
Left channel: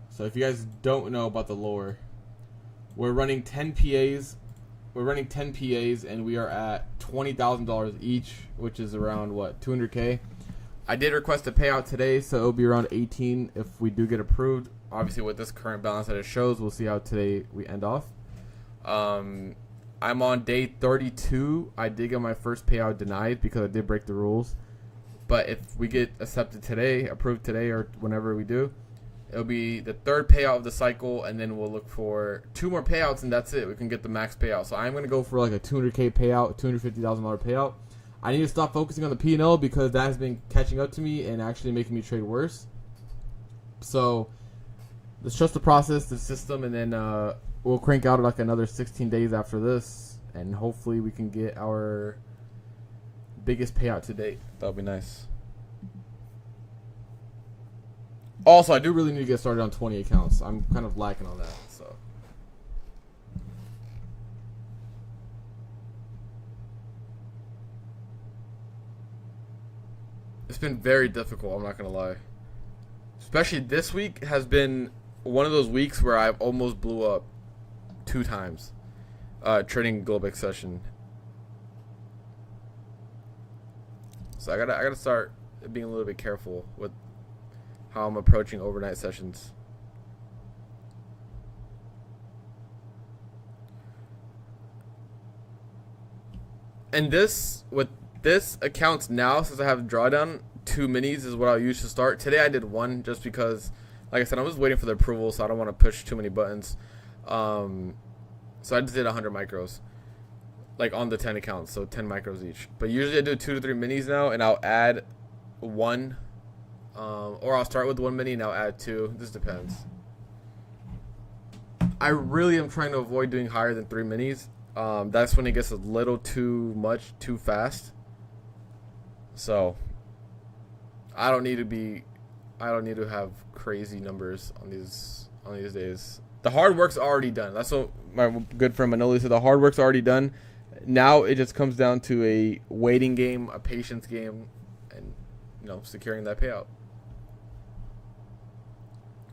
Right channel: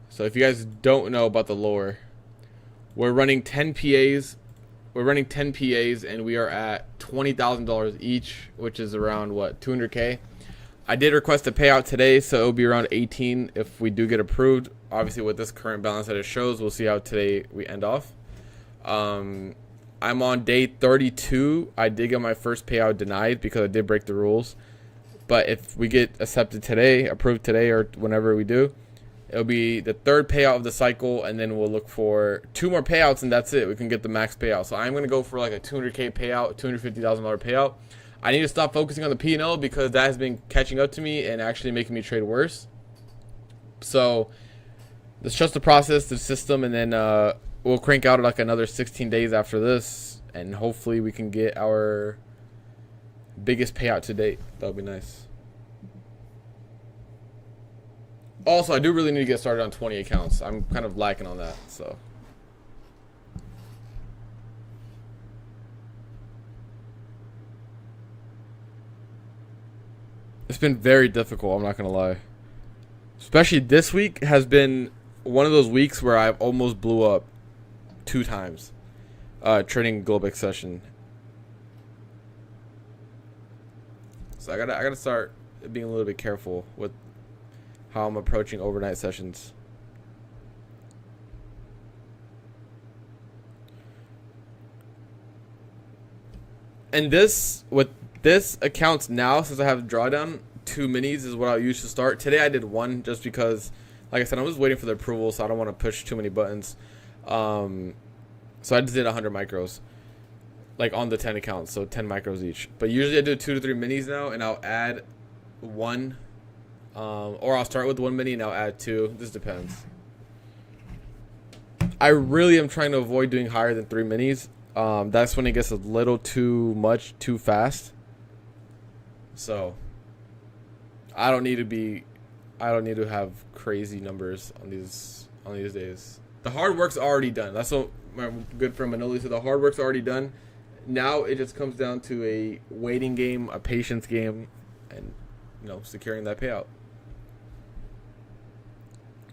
So if you guys don't know about the lore, we're running 10 PAs. We're running 10 PAs and we are at $20,000 each, which is around what, 200K. I did request a payout today, so it'll be around 18 if we do get approved. Obviously, with this current balance that it shows, we'll see how today we end off. I'm on day 32. I did get my first payout denied because I did break the rules. But if we get accepted today, approved today, or whenever we do, it'll be the third payout of the cycle, and then we'll look for 2 more payouts, and that's it. We can get the max payout. So I'm going to go for like a 200K payout, $250,000 payout. I need to stop focusing on the P&L because that has been catching up to me and actually making me trade worse. So let's trust the process, the system, and then we'll crank out like another 16 days after this, and hopefully we can get our biggest payout to date. That'll be nice. Also, I do really need to get started on 20 accounts. I'm kind of lacking on that, so. It's been very difficult, I'm not going to lie. Especially this week has been one of those weeks where I've almost blew up 2 times trading Globex session. So I gotta start being a little bit careful with how I'm approaching overnight sessions. And this, with this accounts now, since I have drawdown, 2 minis is what I'll use to start. Today I did 1 just because, like I said, I'm just waiting for the approval, so I don't want to push too many buttons. So I just did 100 micros, like on the 10 accounts, so 10 micros each. But usually I do 2 to 3 minis now, and I'll add 1, or I'll start with 1 mini and I'll add 2. This depends. I really am trying to avoid doing higher than 3 minis. That's when it gets a little too much, too fast. So I don't need to have crazy numbers on these days. The hard work's already done. That's what my good friend Manoli said. The hard work's already done. Now it just comes down to a waiting game, a patience game, and securing that payout.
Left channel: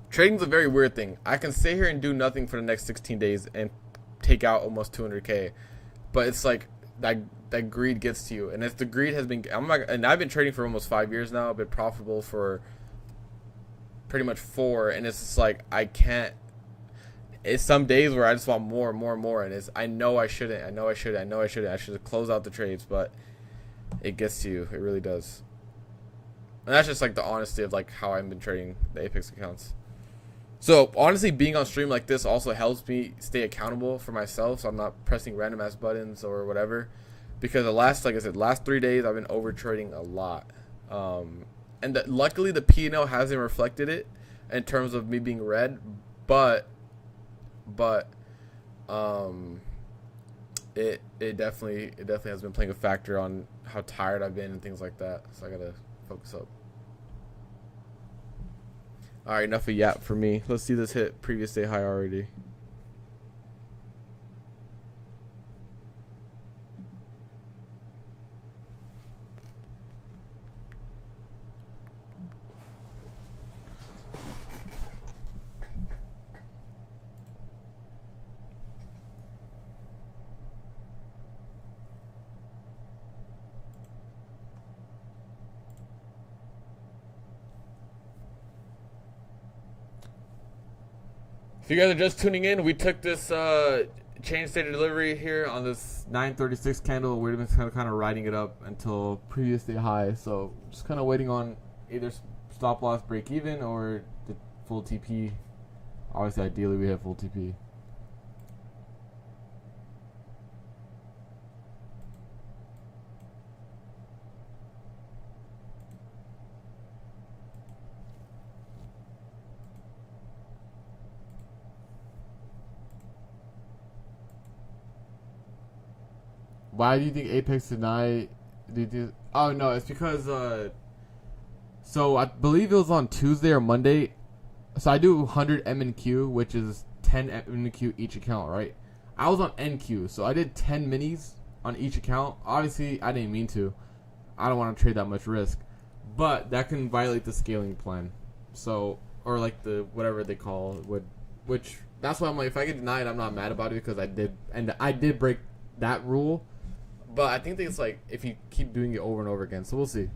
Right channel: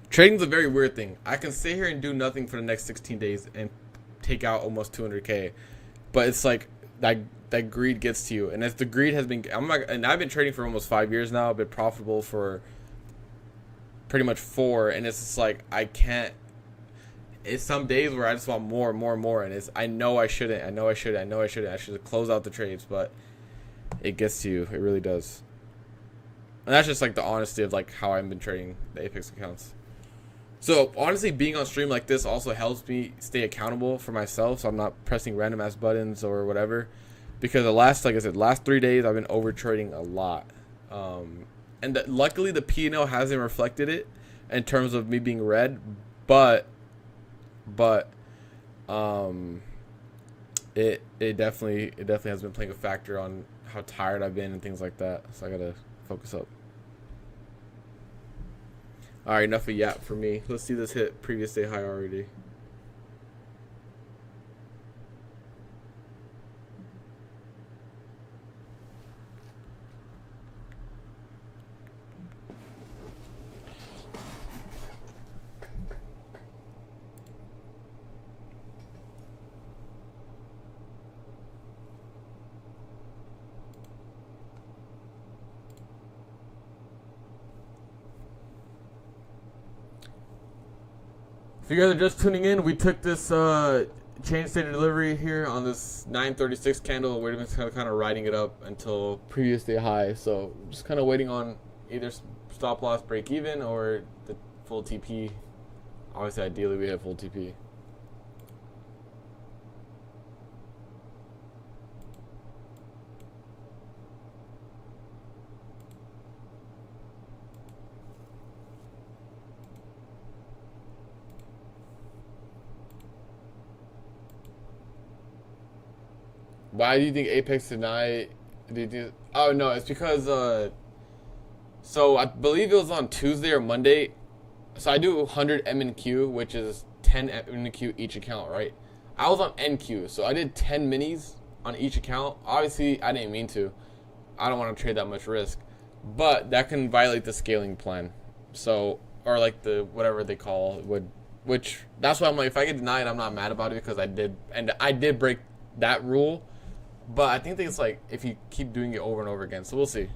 Trading's a very weird thing. I can sit here and do nothing for the next 16 days and take out almost 200K, but it's like that greed gets to you, and if the greed has been, I've been trading for almost 5 years now. I've been profitable for pretty much 4, and it's just like I can't. It's some days where I just want more and more and more, and I know I shouldn't. I should close out the trades, but it gets to you. It really does. And that's just like the honesty of like how I've been trading the Apex accounts. So honestly, being on stream like this also helps me stay accountable for myself, so I'm not pressing random ass buttons or whatever. Because like I said, last 3 days I've been over trading a lot, and luckily the P&L hasn't reflected it in terms of me being red, but it definitely has been playing a factor on how tired I've been and things like that. So I gotta focus up. All right, enough of yap for me. Let's see this hit previous day high already. If you guys are just tuning in, we took this chain state of delivery here on this 936 candle. We're just kind of riding it up until previous day high. So just kind of waiting on either stop loss break even or the full TP. Obviously, ideally, we hit full TP. Why do you think Apex tonight? Oh no, it's because so I believe it was on Tuesday or Monday. So I do 100 M and Q, which is 10 NQ each account, right? I was on NQ, so I did 10 minis on each account. Obviously, I didn't mean to. I don't want to trade that much risk, but that can violate the scaling plan. So, or like the whatever they call it, which that's why I'm like, if I get denied, I'm not mad about it because I did break that rule. But I think it's like if you keep doing it over and over again, so we'll see.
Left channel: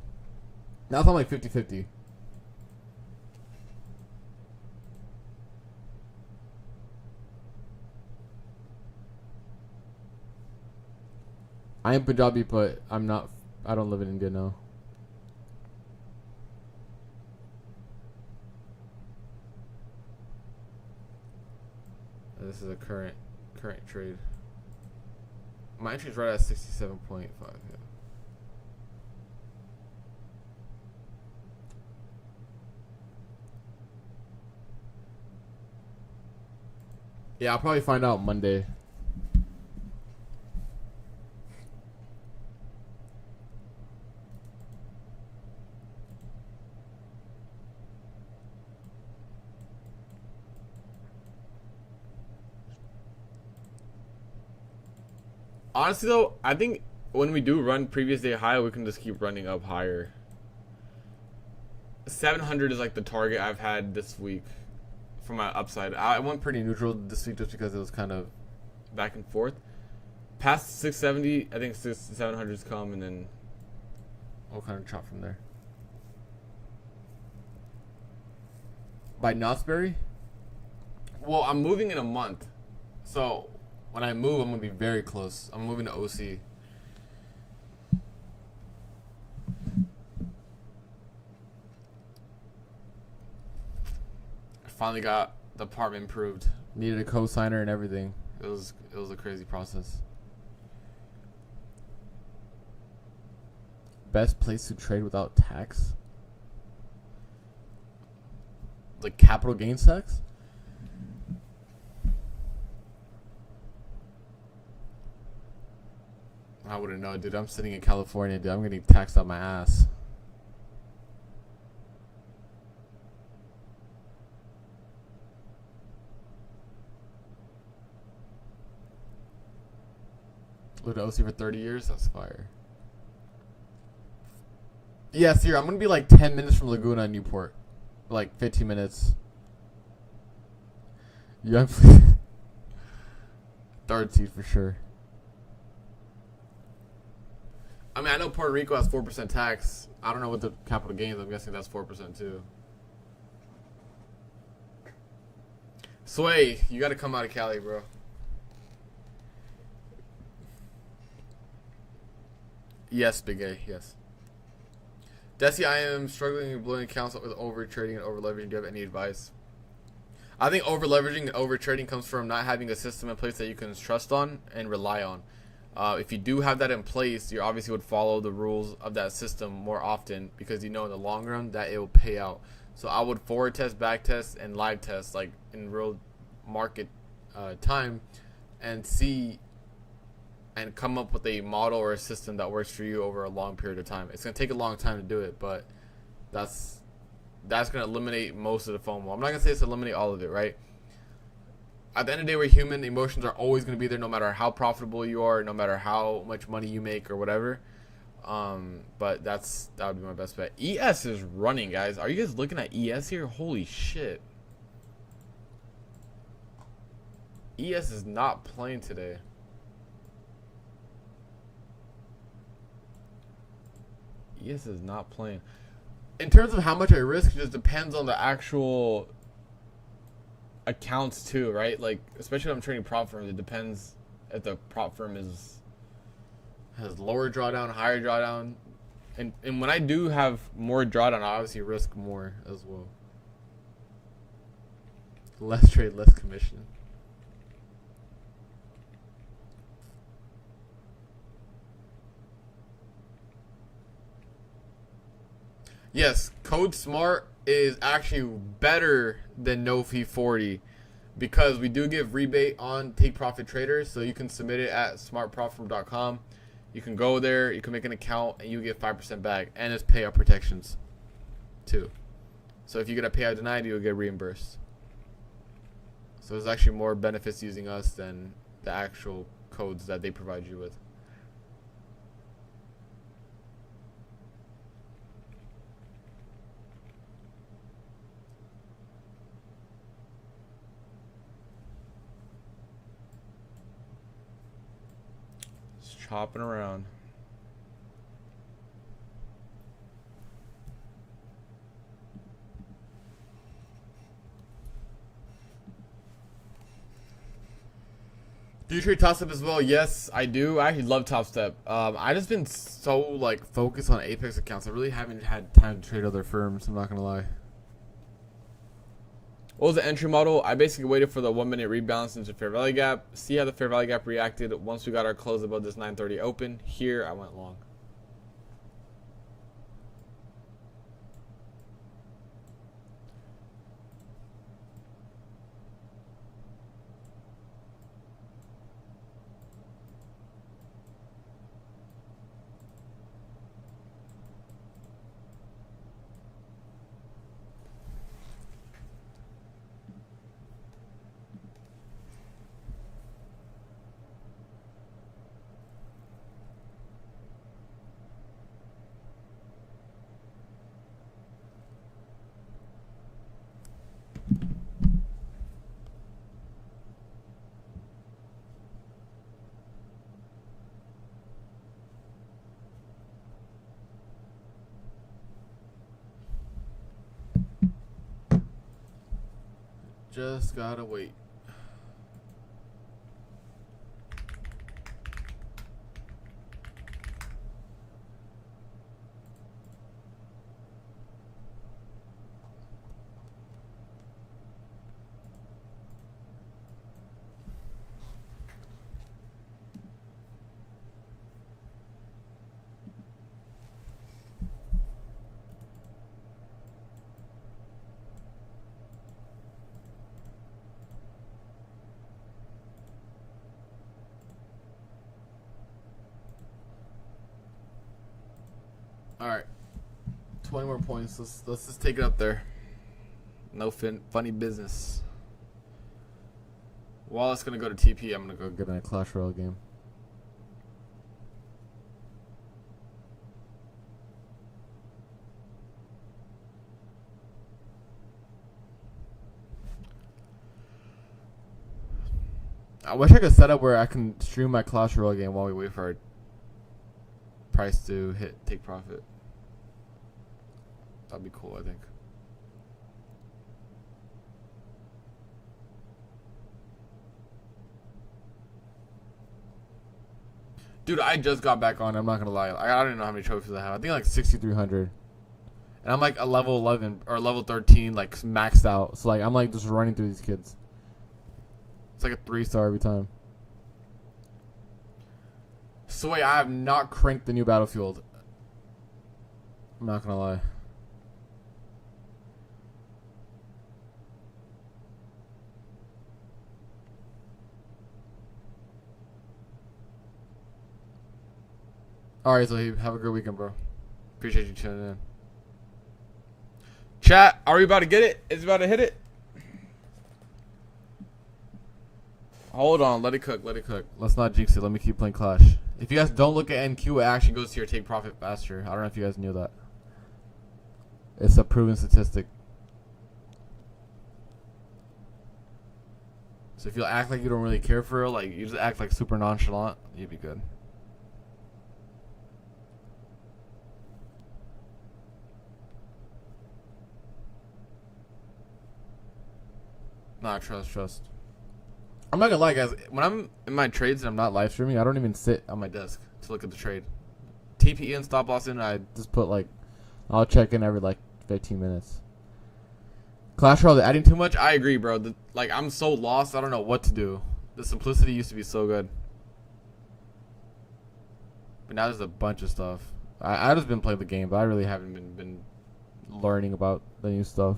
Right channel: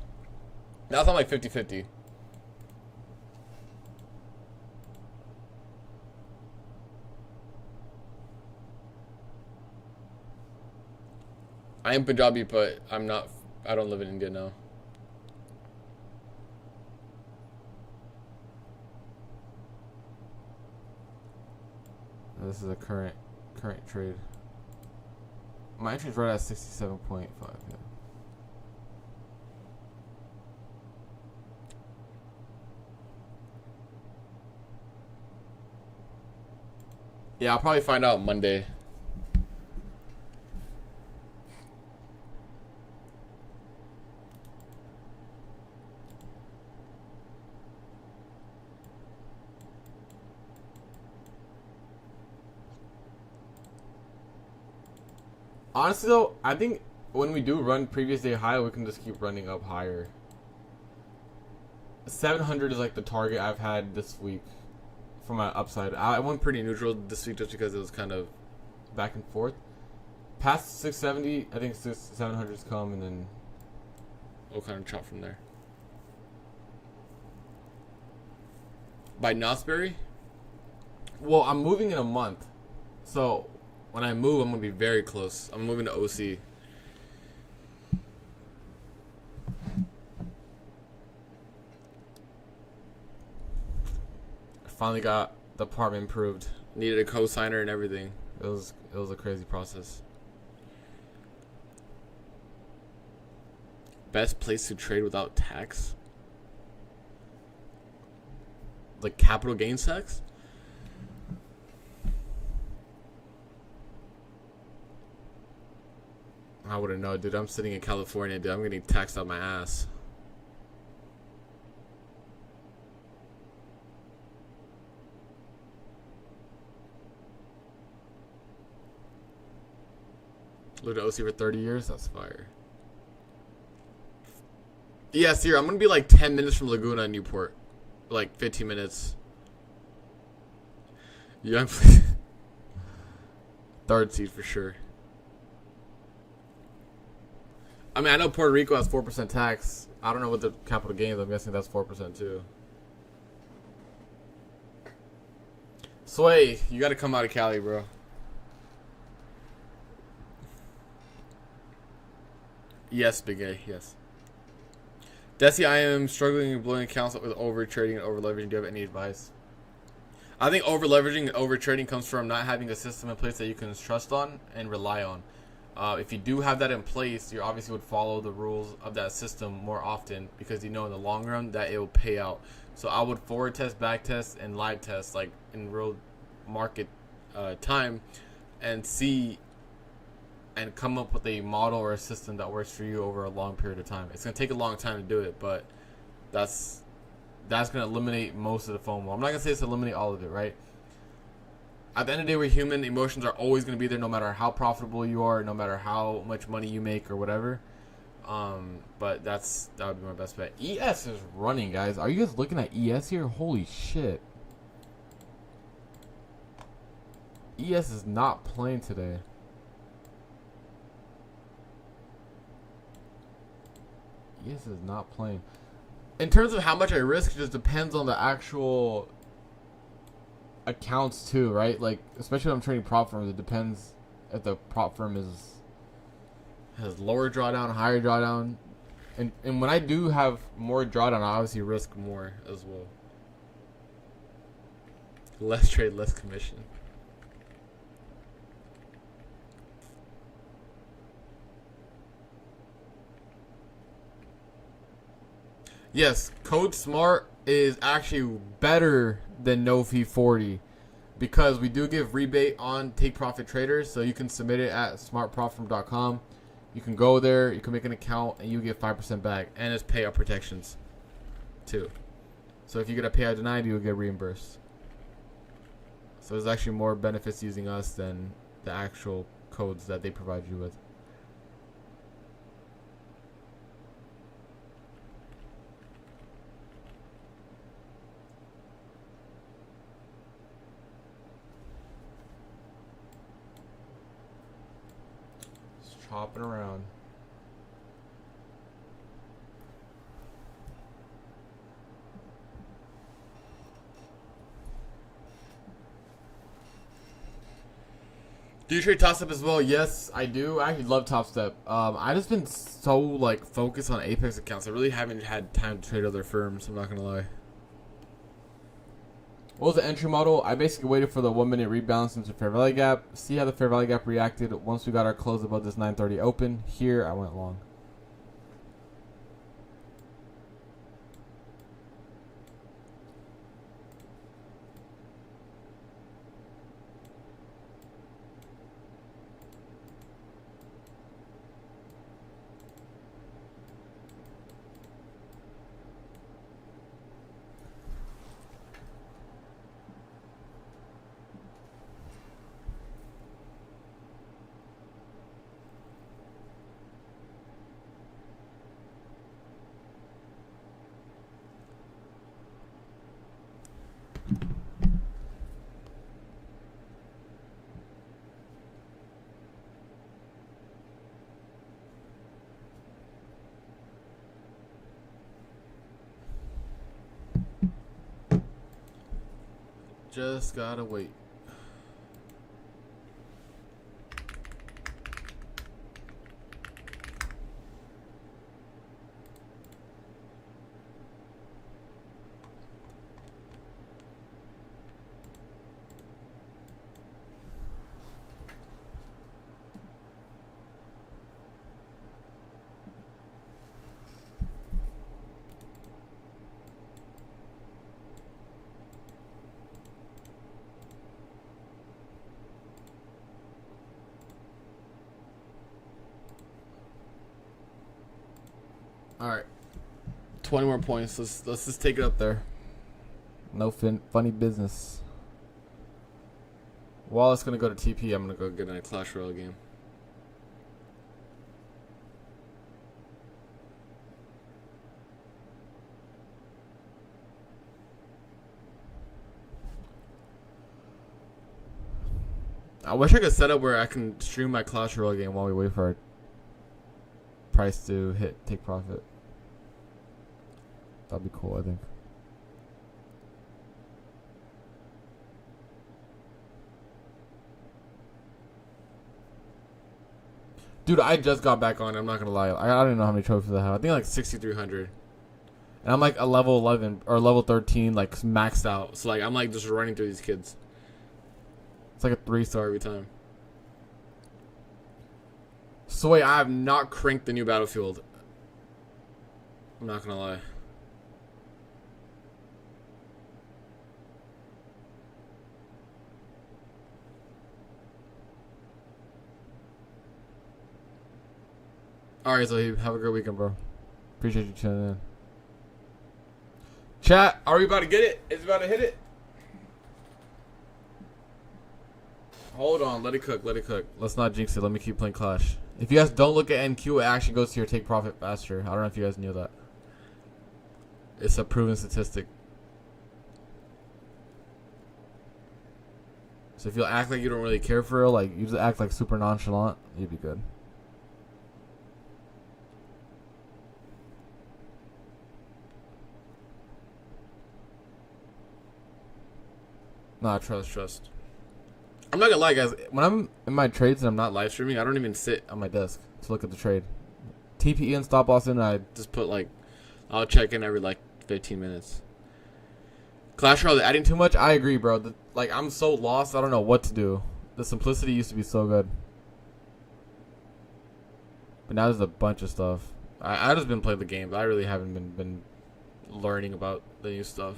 Now I'm like 50-50. I am Punjabi, but I'm not. I don't live in India now. This is a current trade. My entry's right at 67.5. Yeah. Yeah, I'll probably find out Monday. Honestly, though, I think when we do run previous day high, we can just keep running up higher. 700 is like the target I've had this week for my upside. I went pretty neutral this week just because it was kind of back and forth. Past 670, I think 700's come, and then we'll kind of chop from there. By Knott's Berry? Well, I'm moving in a month, so when I move, I'm going to be very close. I'm moving to OC. I finally got the apartment improved. Needed a co-signer and everything. It was a crazy process. Best place to trade without tax? Like capital gains tax? I wouldn't know, dude. I'm sitting in California, dude. I'm getting taxed out my ass. Lived at OC for 30 years? That's fire. Yeah, Sierra, I'm going to be like 10 minutes from Laguna and Newport. Like 15 minutes. Young, please. Third seed for sure. I mean, I know Puerto Rico has 4% tax. I don't know what the capital gains. I'm guessing that's 4% too. Sway, you got to come out of Cali, bro. Yes, Big A, yes. Desi, I am struggling and blowing accounts up with over trading and over leveraging. Do you have any advice? I think over leveraging and over trading comes from not having a system in place that you can trust on and rely on. If you do have that in place, you obviously would follow the rules of that system more often because you know in the long run that it will pay out. So I would forward test, back test, and live test like in real market time and see and come up with a model or a system that works for you over a long period of time. It's going to take a long time to do it, but that's going to eliminate most of the FOMO. I'm not going to say it's eliminate all of it, right? At the end of the day, we're human. Emotions are always going to be there no matter how profitable you are, no matter how much money you make or whatever. But that would be my best bet. ES is running, guys. Are you guys looking at ES here? Holy shit. ES is not playing today. ES is not playing. In terms of how much I risk, it just depends on the actual accounts too, right? Like, especially when I'm trading prop firms, it depends if the prop firm has lower drawdown, higher drawdown, and when I do have more drawdown, I obviously risk more as well. Less trade, less commission. Yes, Code Smart is actually better than No Fee 40 because we do give rebate on Take Profit Traders, so you can submit it at smartprofitfirm.com. You can go there, you can make an account, and you get 5% back, and it's payout protections too. So if you get a payout denied, you'll get reimbursed. So there's actually more benefits using us than the actual codes that they provide you with. Just chopping around. Do you trade Top Step as well? Yes, I do. I actually love Top Step. I just been so like focused on Apex accounts. I really haven't had time to trade other firms. I'm not gonna lie. What was the entry model? I basically waited for the 1 minute rebalance into fair value gap. See how the fair value gap reacted once we got our close above this 930 open. Here I went long. Just gotta wait. All right, 20 more points. Let's just take it up there. No funny business. While it's gonna go to TP, I'm gonna go get in a Clash Royale game. I wish I could set up where I can stream my Clash Royale game while we wait for our price to take profit. That'd be cool, I think. Dude, I just got back on. I'm not gonna lie. I don't even know how many trophies I have. I think like 6,300. And I'm like a level 11 or level 13, like maxed out. So like I'm like just running through these kids. It's like a 3-star every time. So wait, I have not cranked the new Battlefield. I'm not gonna lie. Alright, so have a good weekend, bro. Appreciate you tuning in. Chat, are we about to get it? Is it about to hit it? Hold on, let it cook, let it cook. Let's not jinx it. Let me keep playing Clash. If you guys don't look at NQ, it actually goes to your take profit faster. I don't know if you guys knew that. It's a proven statistic. So if you act like you don't really care for it, like you just act like super nonchalant, you'd be good. Nah, trust. I'm not gonna lie, guys. When I'm in my trades and I'm not live streaming, I don't even sit on my desk to look at the trade. TPE and stop loss in, I just put like, I'll check in every like 15 minutes. Clash Royale, adding too much? I agree, bro. Like, I'm so lost, I don't know what to do. The simplicity used to be so good. But now there's a bunch of stuff. I just been playing the game, but I really haven't been learning about the new stuff.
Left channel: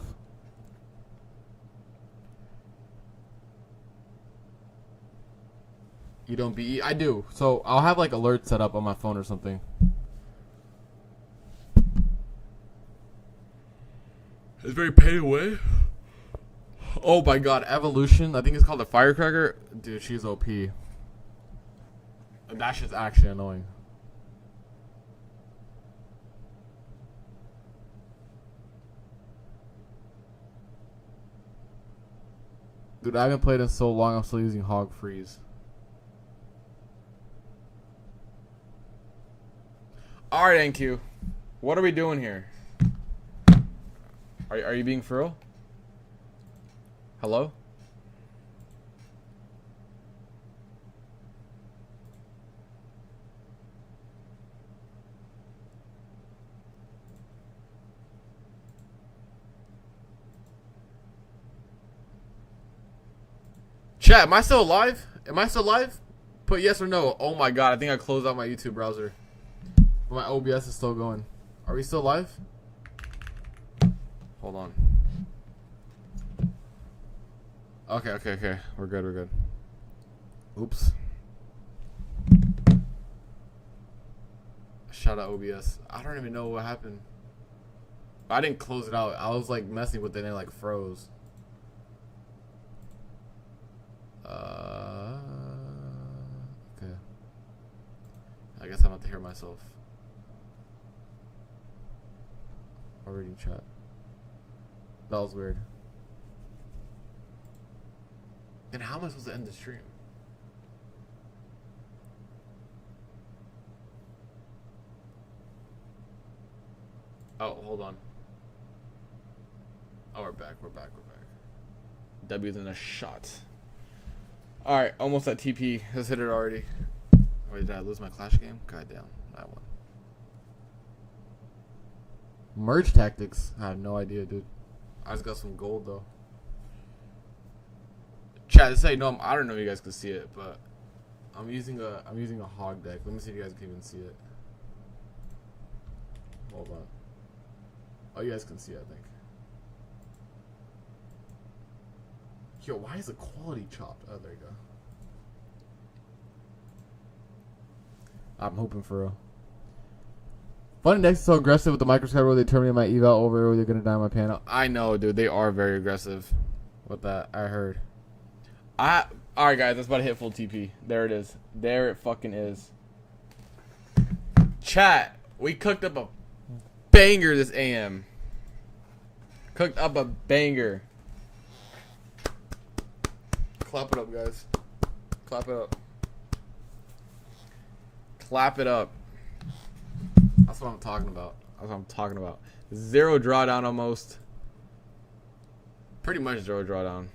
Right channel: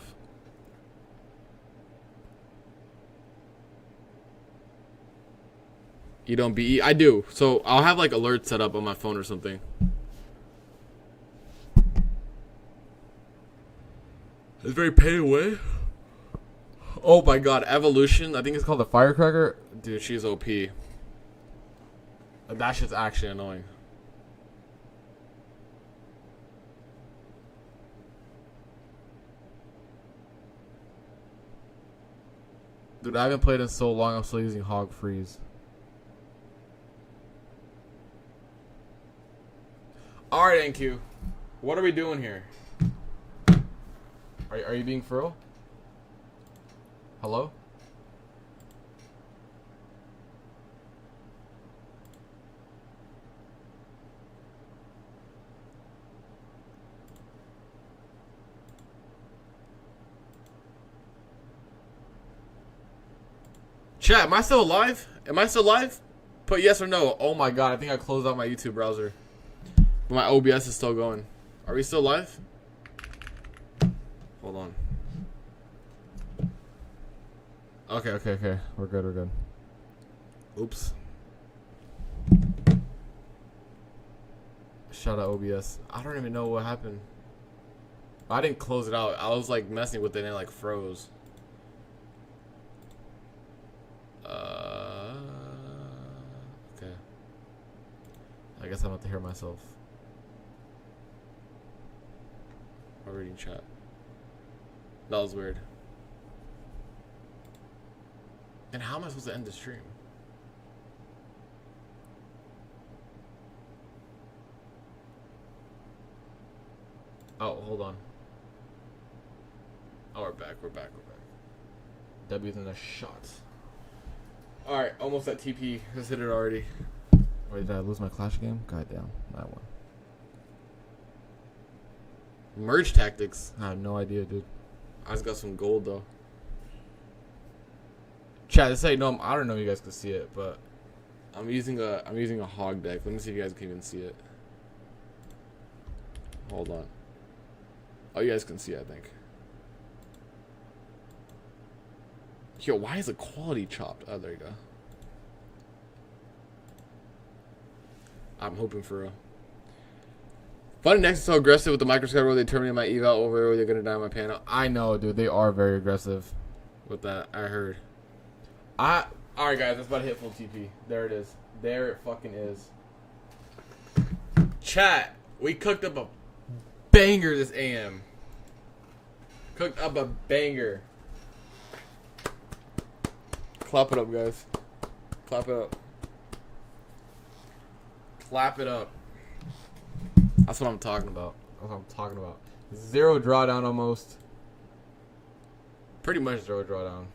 You don't BE? I do. So I'll have like alerts set up on my phone or something. It's very pay away. Oh my god, Evolution. I think it's called the Firecracker. Dude, she's OP. That shit's actually annoying. Dude, I haven't played in so long. I'm still using Hog Freeze. Alright, NQ. What are we doing here? Are you being for real? Hello? Chat, am I still alive? Am I still live? Put yes or no. Oh my god, I think I closed out my YouTube browser. My OBS is still going. Are we still live? Hold on. Okay. We're good. Oops. Shout out OBS. I don't even know what happened. I didn't close it out. I was like messing with it and it like froze. Okay. I guess I'm about to hear myself. I'm reading chat. That was weird. Then how am I supposed to end the stream? Oh, hold on. Oh, we're back. W's in a shot. Alright, almost at TP. Let's hit it already. Wait, did I lose my Clash game? God damn, that one. Merge tactics? I have no idea, dude. I just got some gold though. Chat, this ain't no. I don't know if you guys can see it, but I'm using a hog deck. Let me see if you guys can even see it. Hold on. Oh, you guys can see it, I think. Yo, why is the quality chopped? Oh, there you go. I'm hoping for real. Funny Next is so aggressive with the microscope where they terminate my eval over where they're gonna die on my panel. I know, dude. They are very aggressive with that. I heard. Alright, guys. That's about to hit full TP. There it is. There it fucking is. Chat. We cooked up a banger this AM. Cooked up a banger. Clap it up, guys. Clap it up. Clap it up. That's what I'm talking about. Zero drawdown almost. Pretty much zero drawdown.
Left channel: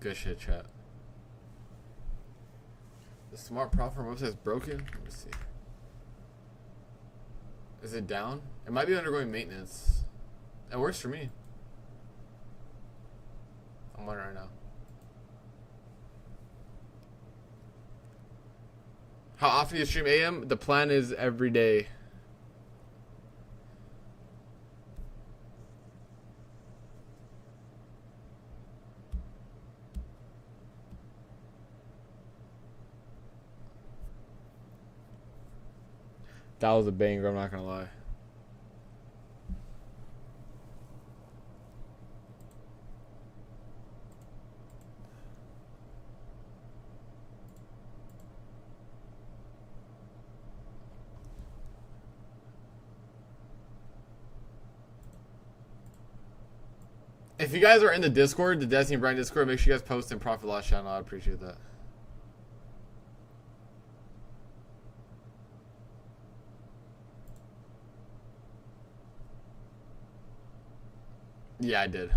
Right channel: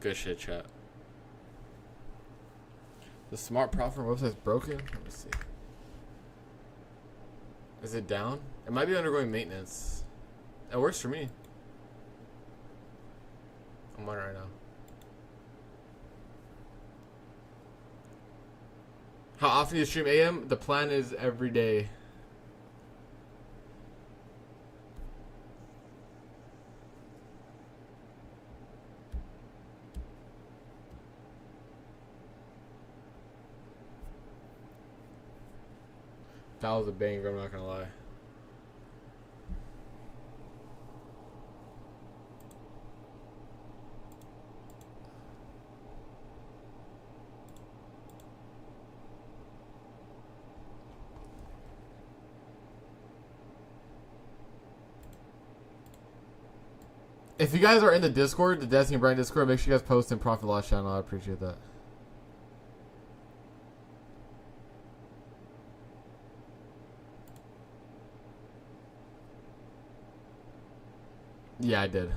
Good shit, chat. The smart profit website's broken? Let me see. Is it down? It might be undergoing maintenance. It works for me. I'm on it right now. How often do you stream AM? The plan is every day. That was a banger, I'm not gonna lie. If you guys are in the Discord, the Destiny Brand Discord, make sure you guys post in Profit Loss channel. I appreciate that. Yeah, I did.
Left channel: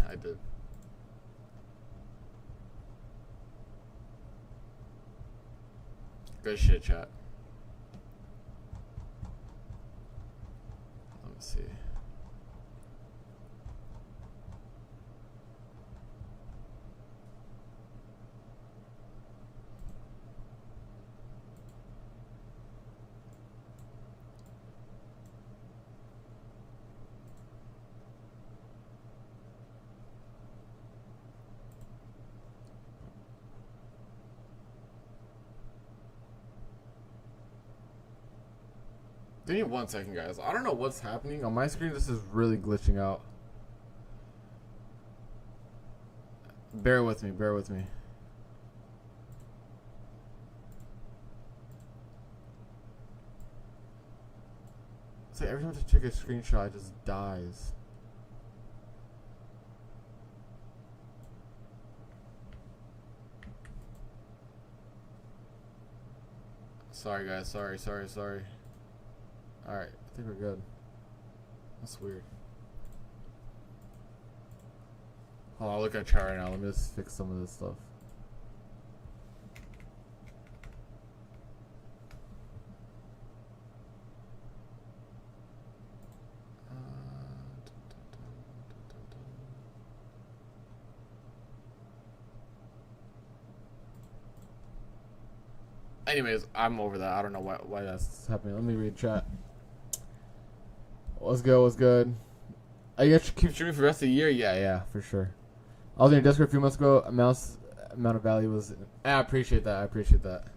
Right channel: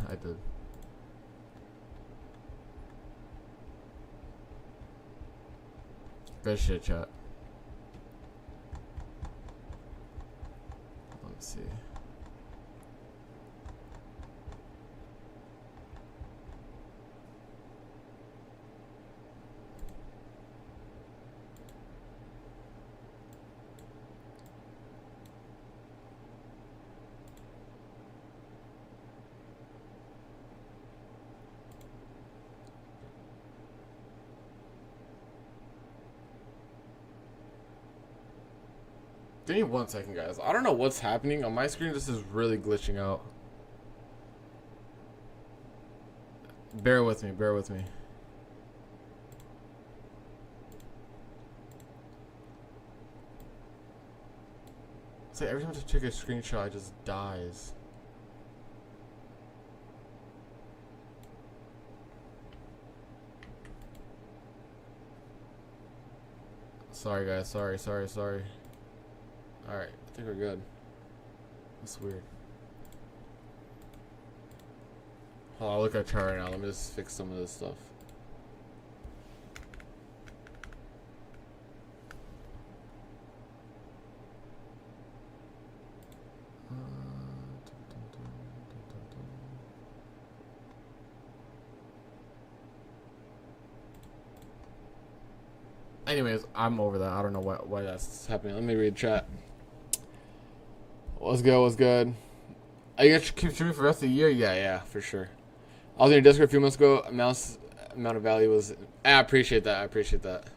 Good shit, chat. Let me see. Give me 1 second, guys. I don't know what's happening on my screen. This is really glitching out. Bear with me. Bear with me. It's like every time I take a screenshot, it just dies. Sorry, guys. Sorry. Alright, I think we're good. That's weird. Hold on, I'll look at chart right now. Let me just fix some of this stuff. Anyways, I'm over that. I don't know why that's happening. Let me read chat. What's good? What's good? Are you gonna keep streaming for the rest of the year? Yeah, for sure. I was in your Discord a few months ago. Amount of value was. I appreciate that.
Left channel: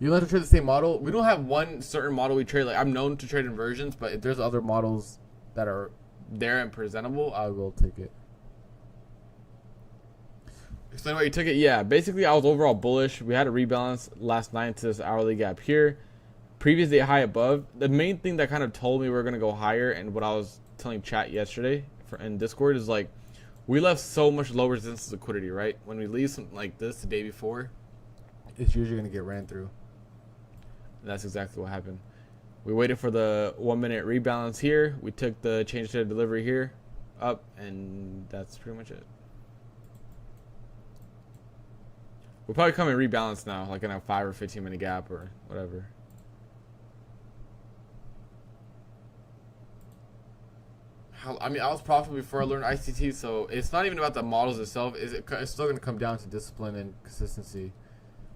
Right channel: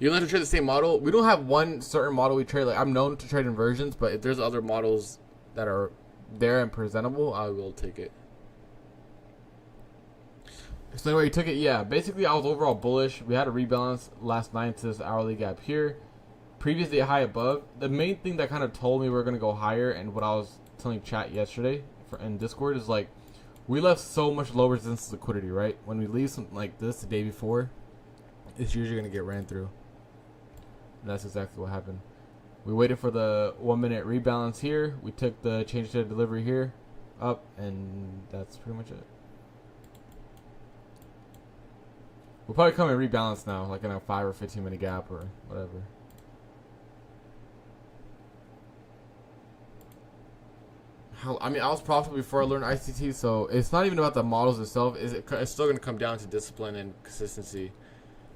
You like to trade the same model? We don't have one certain model we trade. Like, I'm known to trade inversions, but if there's other models that are there and presentable, I will take it. Explain why you took it. Yeah, basically I was overall bullish. We had a rebalance last night to this hourly gap here. Previous day high above. The main thing that kind of told me we were gonna go higher, and what I was telling chat yesterday in Discord is like, we left so much low resistance liquidity, right? When we leave something like this the day before, it's usually gonna get ran through. And that's exactly what happened. We waited for the 1 minute rebalance here. We took the change to delivery here up, and that's pretty much it. We'll probably come and rebalance now, like in a 5 or 15 minute gap or whatever. I mean, I was profitable before I learned ICT, so it's not even about the models itself. It's still going to come down to discipline and consistency.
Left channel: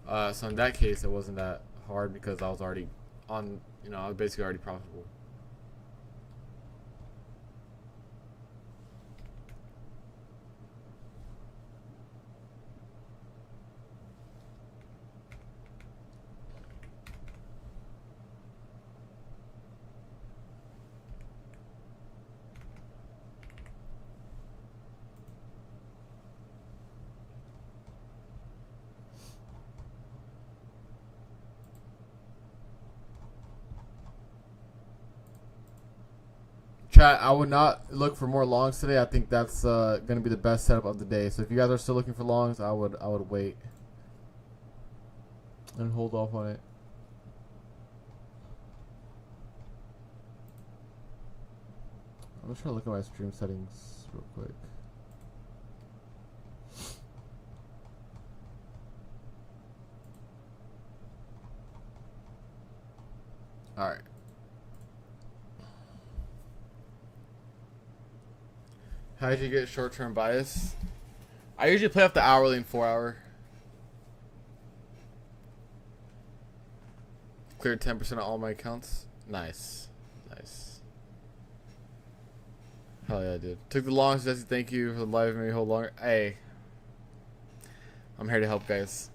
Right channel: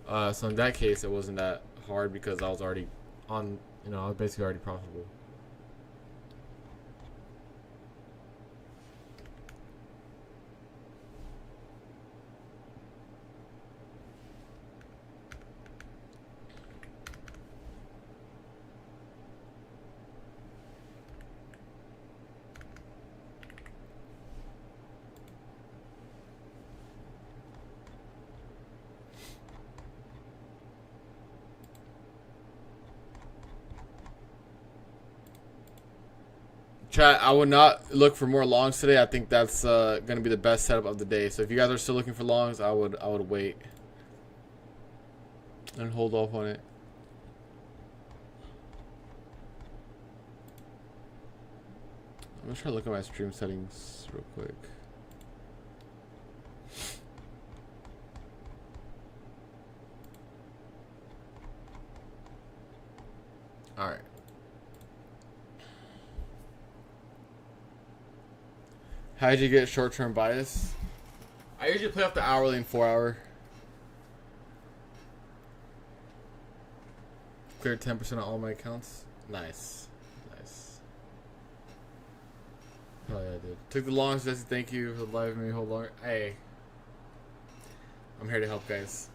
So in that case, it wasn't that hard because I was already on, I was basically already profitable. Chat, I would not look for more longs today. I think that's going to be the best setup of the day. So if you guys are still looking for longs, I would wait and hold off on it. I'm gonna try to look at my stream settings real quick. All right. How did you get short-term bias? I usually play off the hourly and 4 hour. Cleared 10% of all my accounts. Nice. Hell yeah, dude. Took the longest, Jesse. Thank you for the live. Maybe hold longer. Hey, I'm here to help, guys.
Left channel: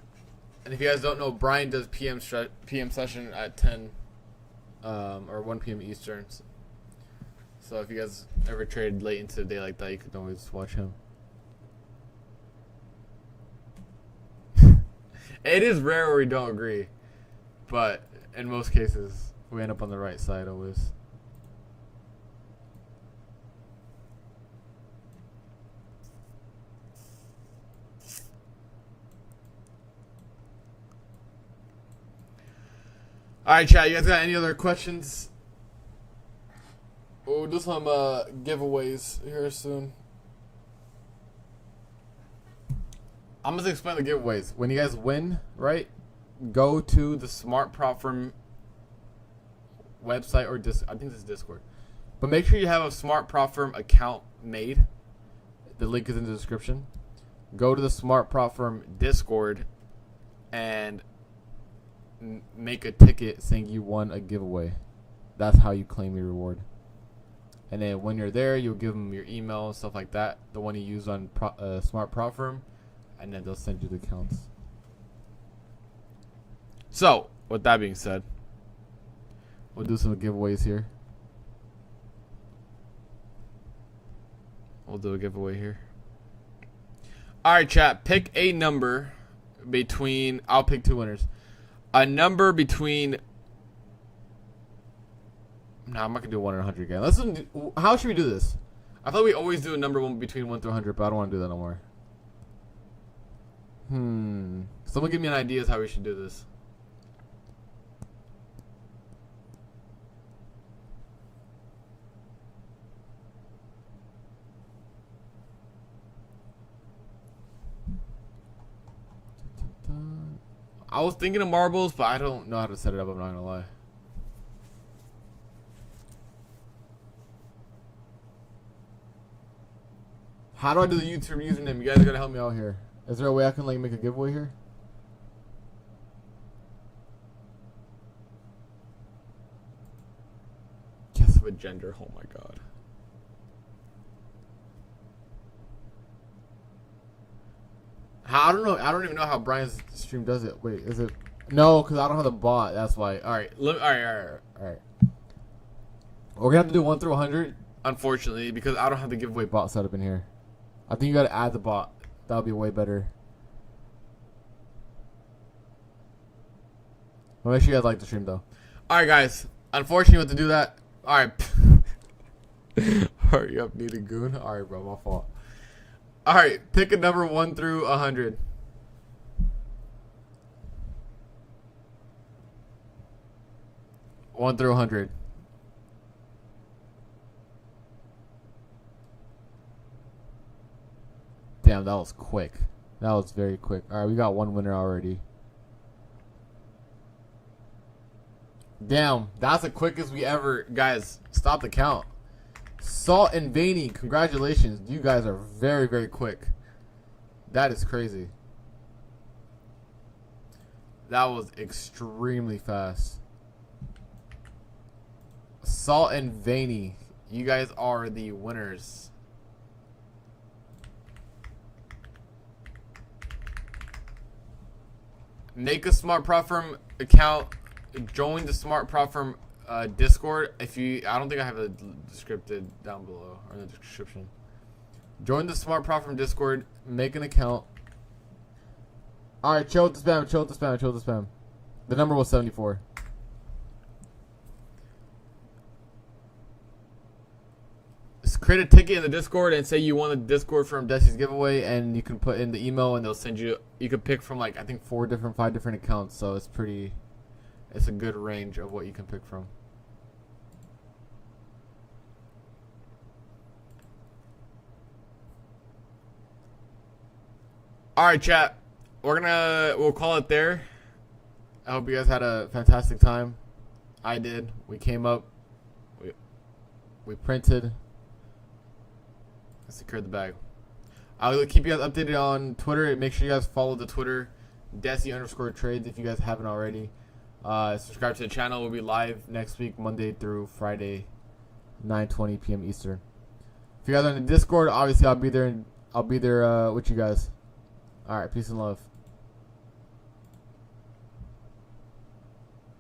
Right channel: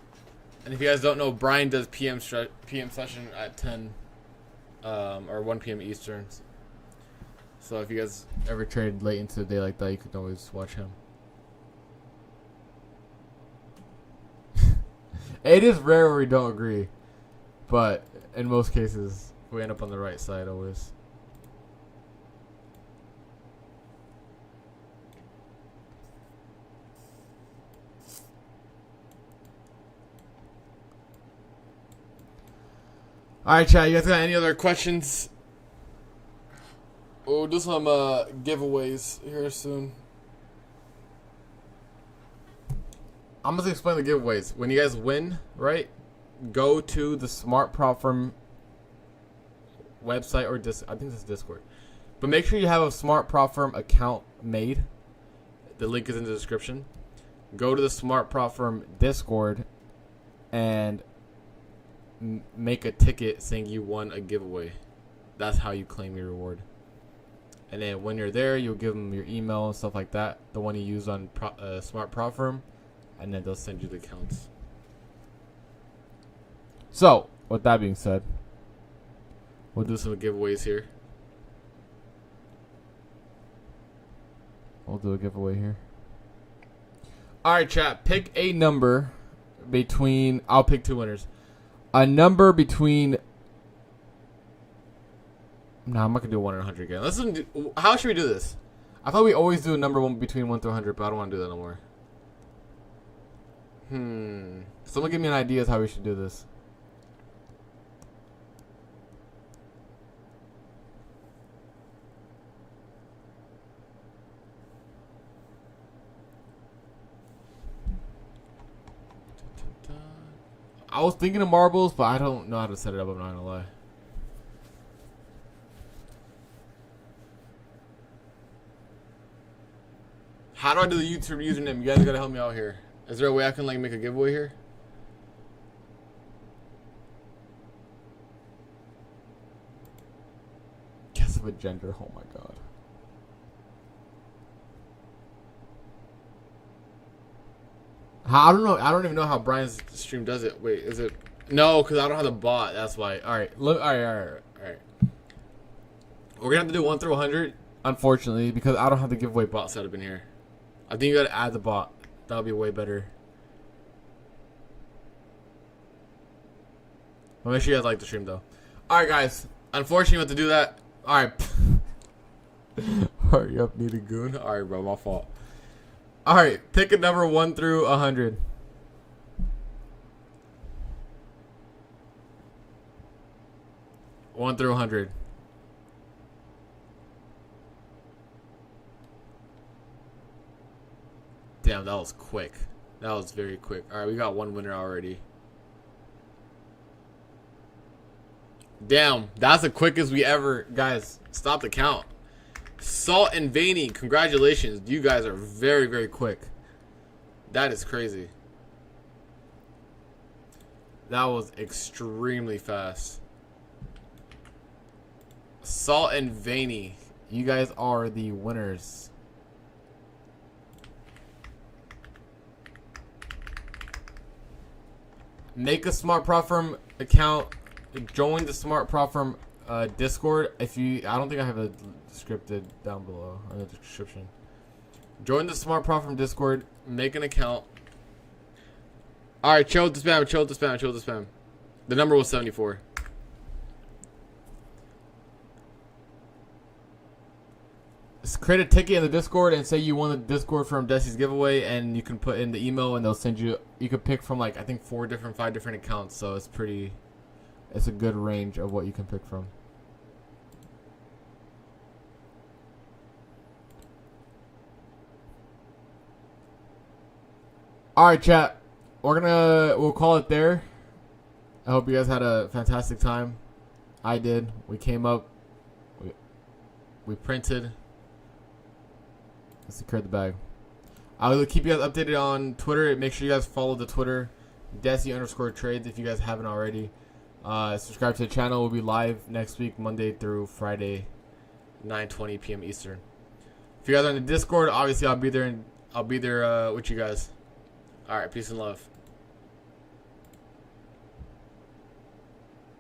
And if you guys don't know, Brian does PM session at 10 or 1 p.m. Eastern. So if you guys ever trade late into the day like that, you can always watch him. It is rare where we don't agree, but in most cases, we end up on the right side always. Alright, chat, you guys got any other questions? We'll do some giveaways here soon. I'm going to explain the giveaways. When you guys win, right, go to the Smart Prop Firm website or I think this is Discord. But make sure you have a Smart Prop Firm account made. The link is in the description. Go to the Smart Prop Firm Discord and make a ticket saying you won a giveaway. That's how you claim your reward. And then when you're there, you'll give them your email and stuff like that, the one you use on Smart Prop Firm, and then they'll send you the accounts. So, with that being said, We'll do some giveaways here. We'll do a giveaway here. All right, chat. Pick a number between. I'll pick 2 winners. A number between. No, I'm not gonna do 1 and 100 again. How should we do this? I thought we always do a number between 1 through 100, but I don't want to do that no more. Someone give me an idea of how we should do this. I was thinking of marbles, but I don't know how to set it up. I'm not gonna lie. How do I do the YouTube username? You guys gotta help me out here. Is there a way I can like make a giveaway here? Guess of a gender. Oh my god. I don't know. I don't even know how Brian's stream does it. Wait, is it? No, because I don't have the bot. That's why. All right. All right. We're gonna have to do 1 through 100, unfortunately, because I don't have the giveaway bot set up in here. I think you gotta add the bot. That'll be way better. Well, make sure you guys like the stream though. All right, guys. Unfortunately, we have to do that. All right. Hurry up, need a goon. All right, bro. My fault. All right, pick a number 1 through 100. One through 100. Damn, that was quick. That was very quick. All right, we got 1 winner already. Damn, that's the quickest we ever. Guys, stop the count. Salt and Veiny, congratulations. You guys are very, very quick. That is crazy. That was extremely fast. Salt and Veiny, you guys are the winners. Make a Smart Prop Firm account. Join the Smart Prop Firm Discord. I don't think I have it scripted down below or in the description. Join the Smart Prop Firm Discord. Make an account. All right, chill with the spam. Chill with the spam. Chill with the spam. The number was 74. Just create a ticket in the Discord and say you want the Discord from Desi's giveaway, and you can put in the email and they'll send you. You can pick from like I think 5 different accounts, so it's pretty. It's a good range of what you can pick from. All right, chat. We'll call it there. I hope you guys had a fantastic time. I did. We came up. We printed. Let's secure the bag. I will keep you guys updated on Twitter. Make sure you guys follow the Twitter, Desi_trades if you guys haven't already. Subscribe to the channel. We'll be live next week, Monday through Friday, 9:20 p.m. Eastern. If you guys are in the Discord, obviously I'll be there with you guys. All right, peace and love.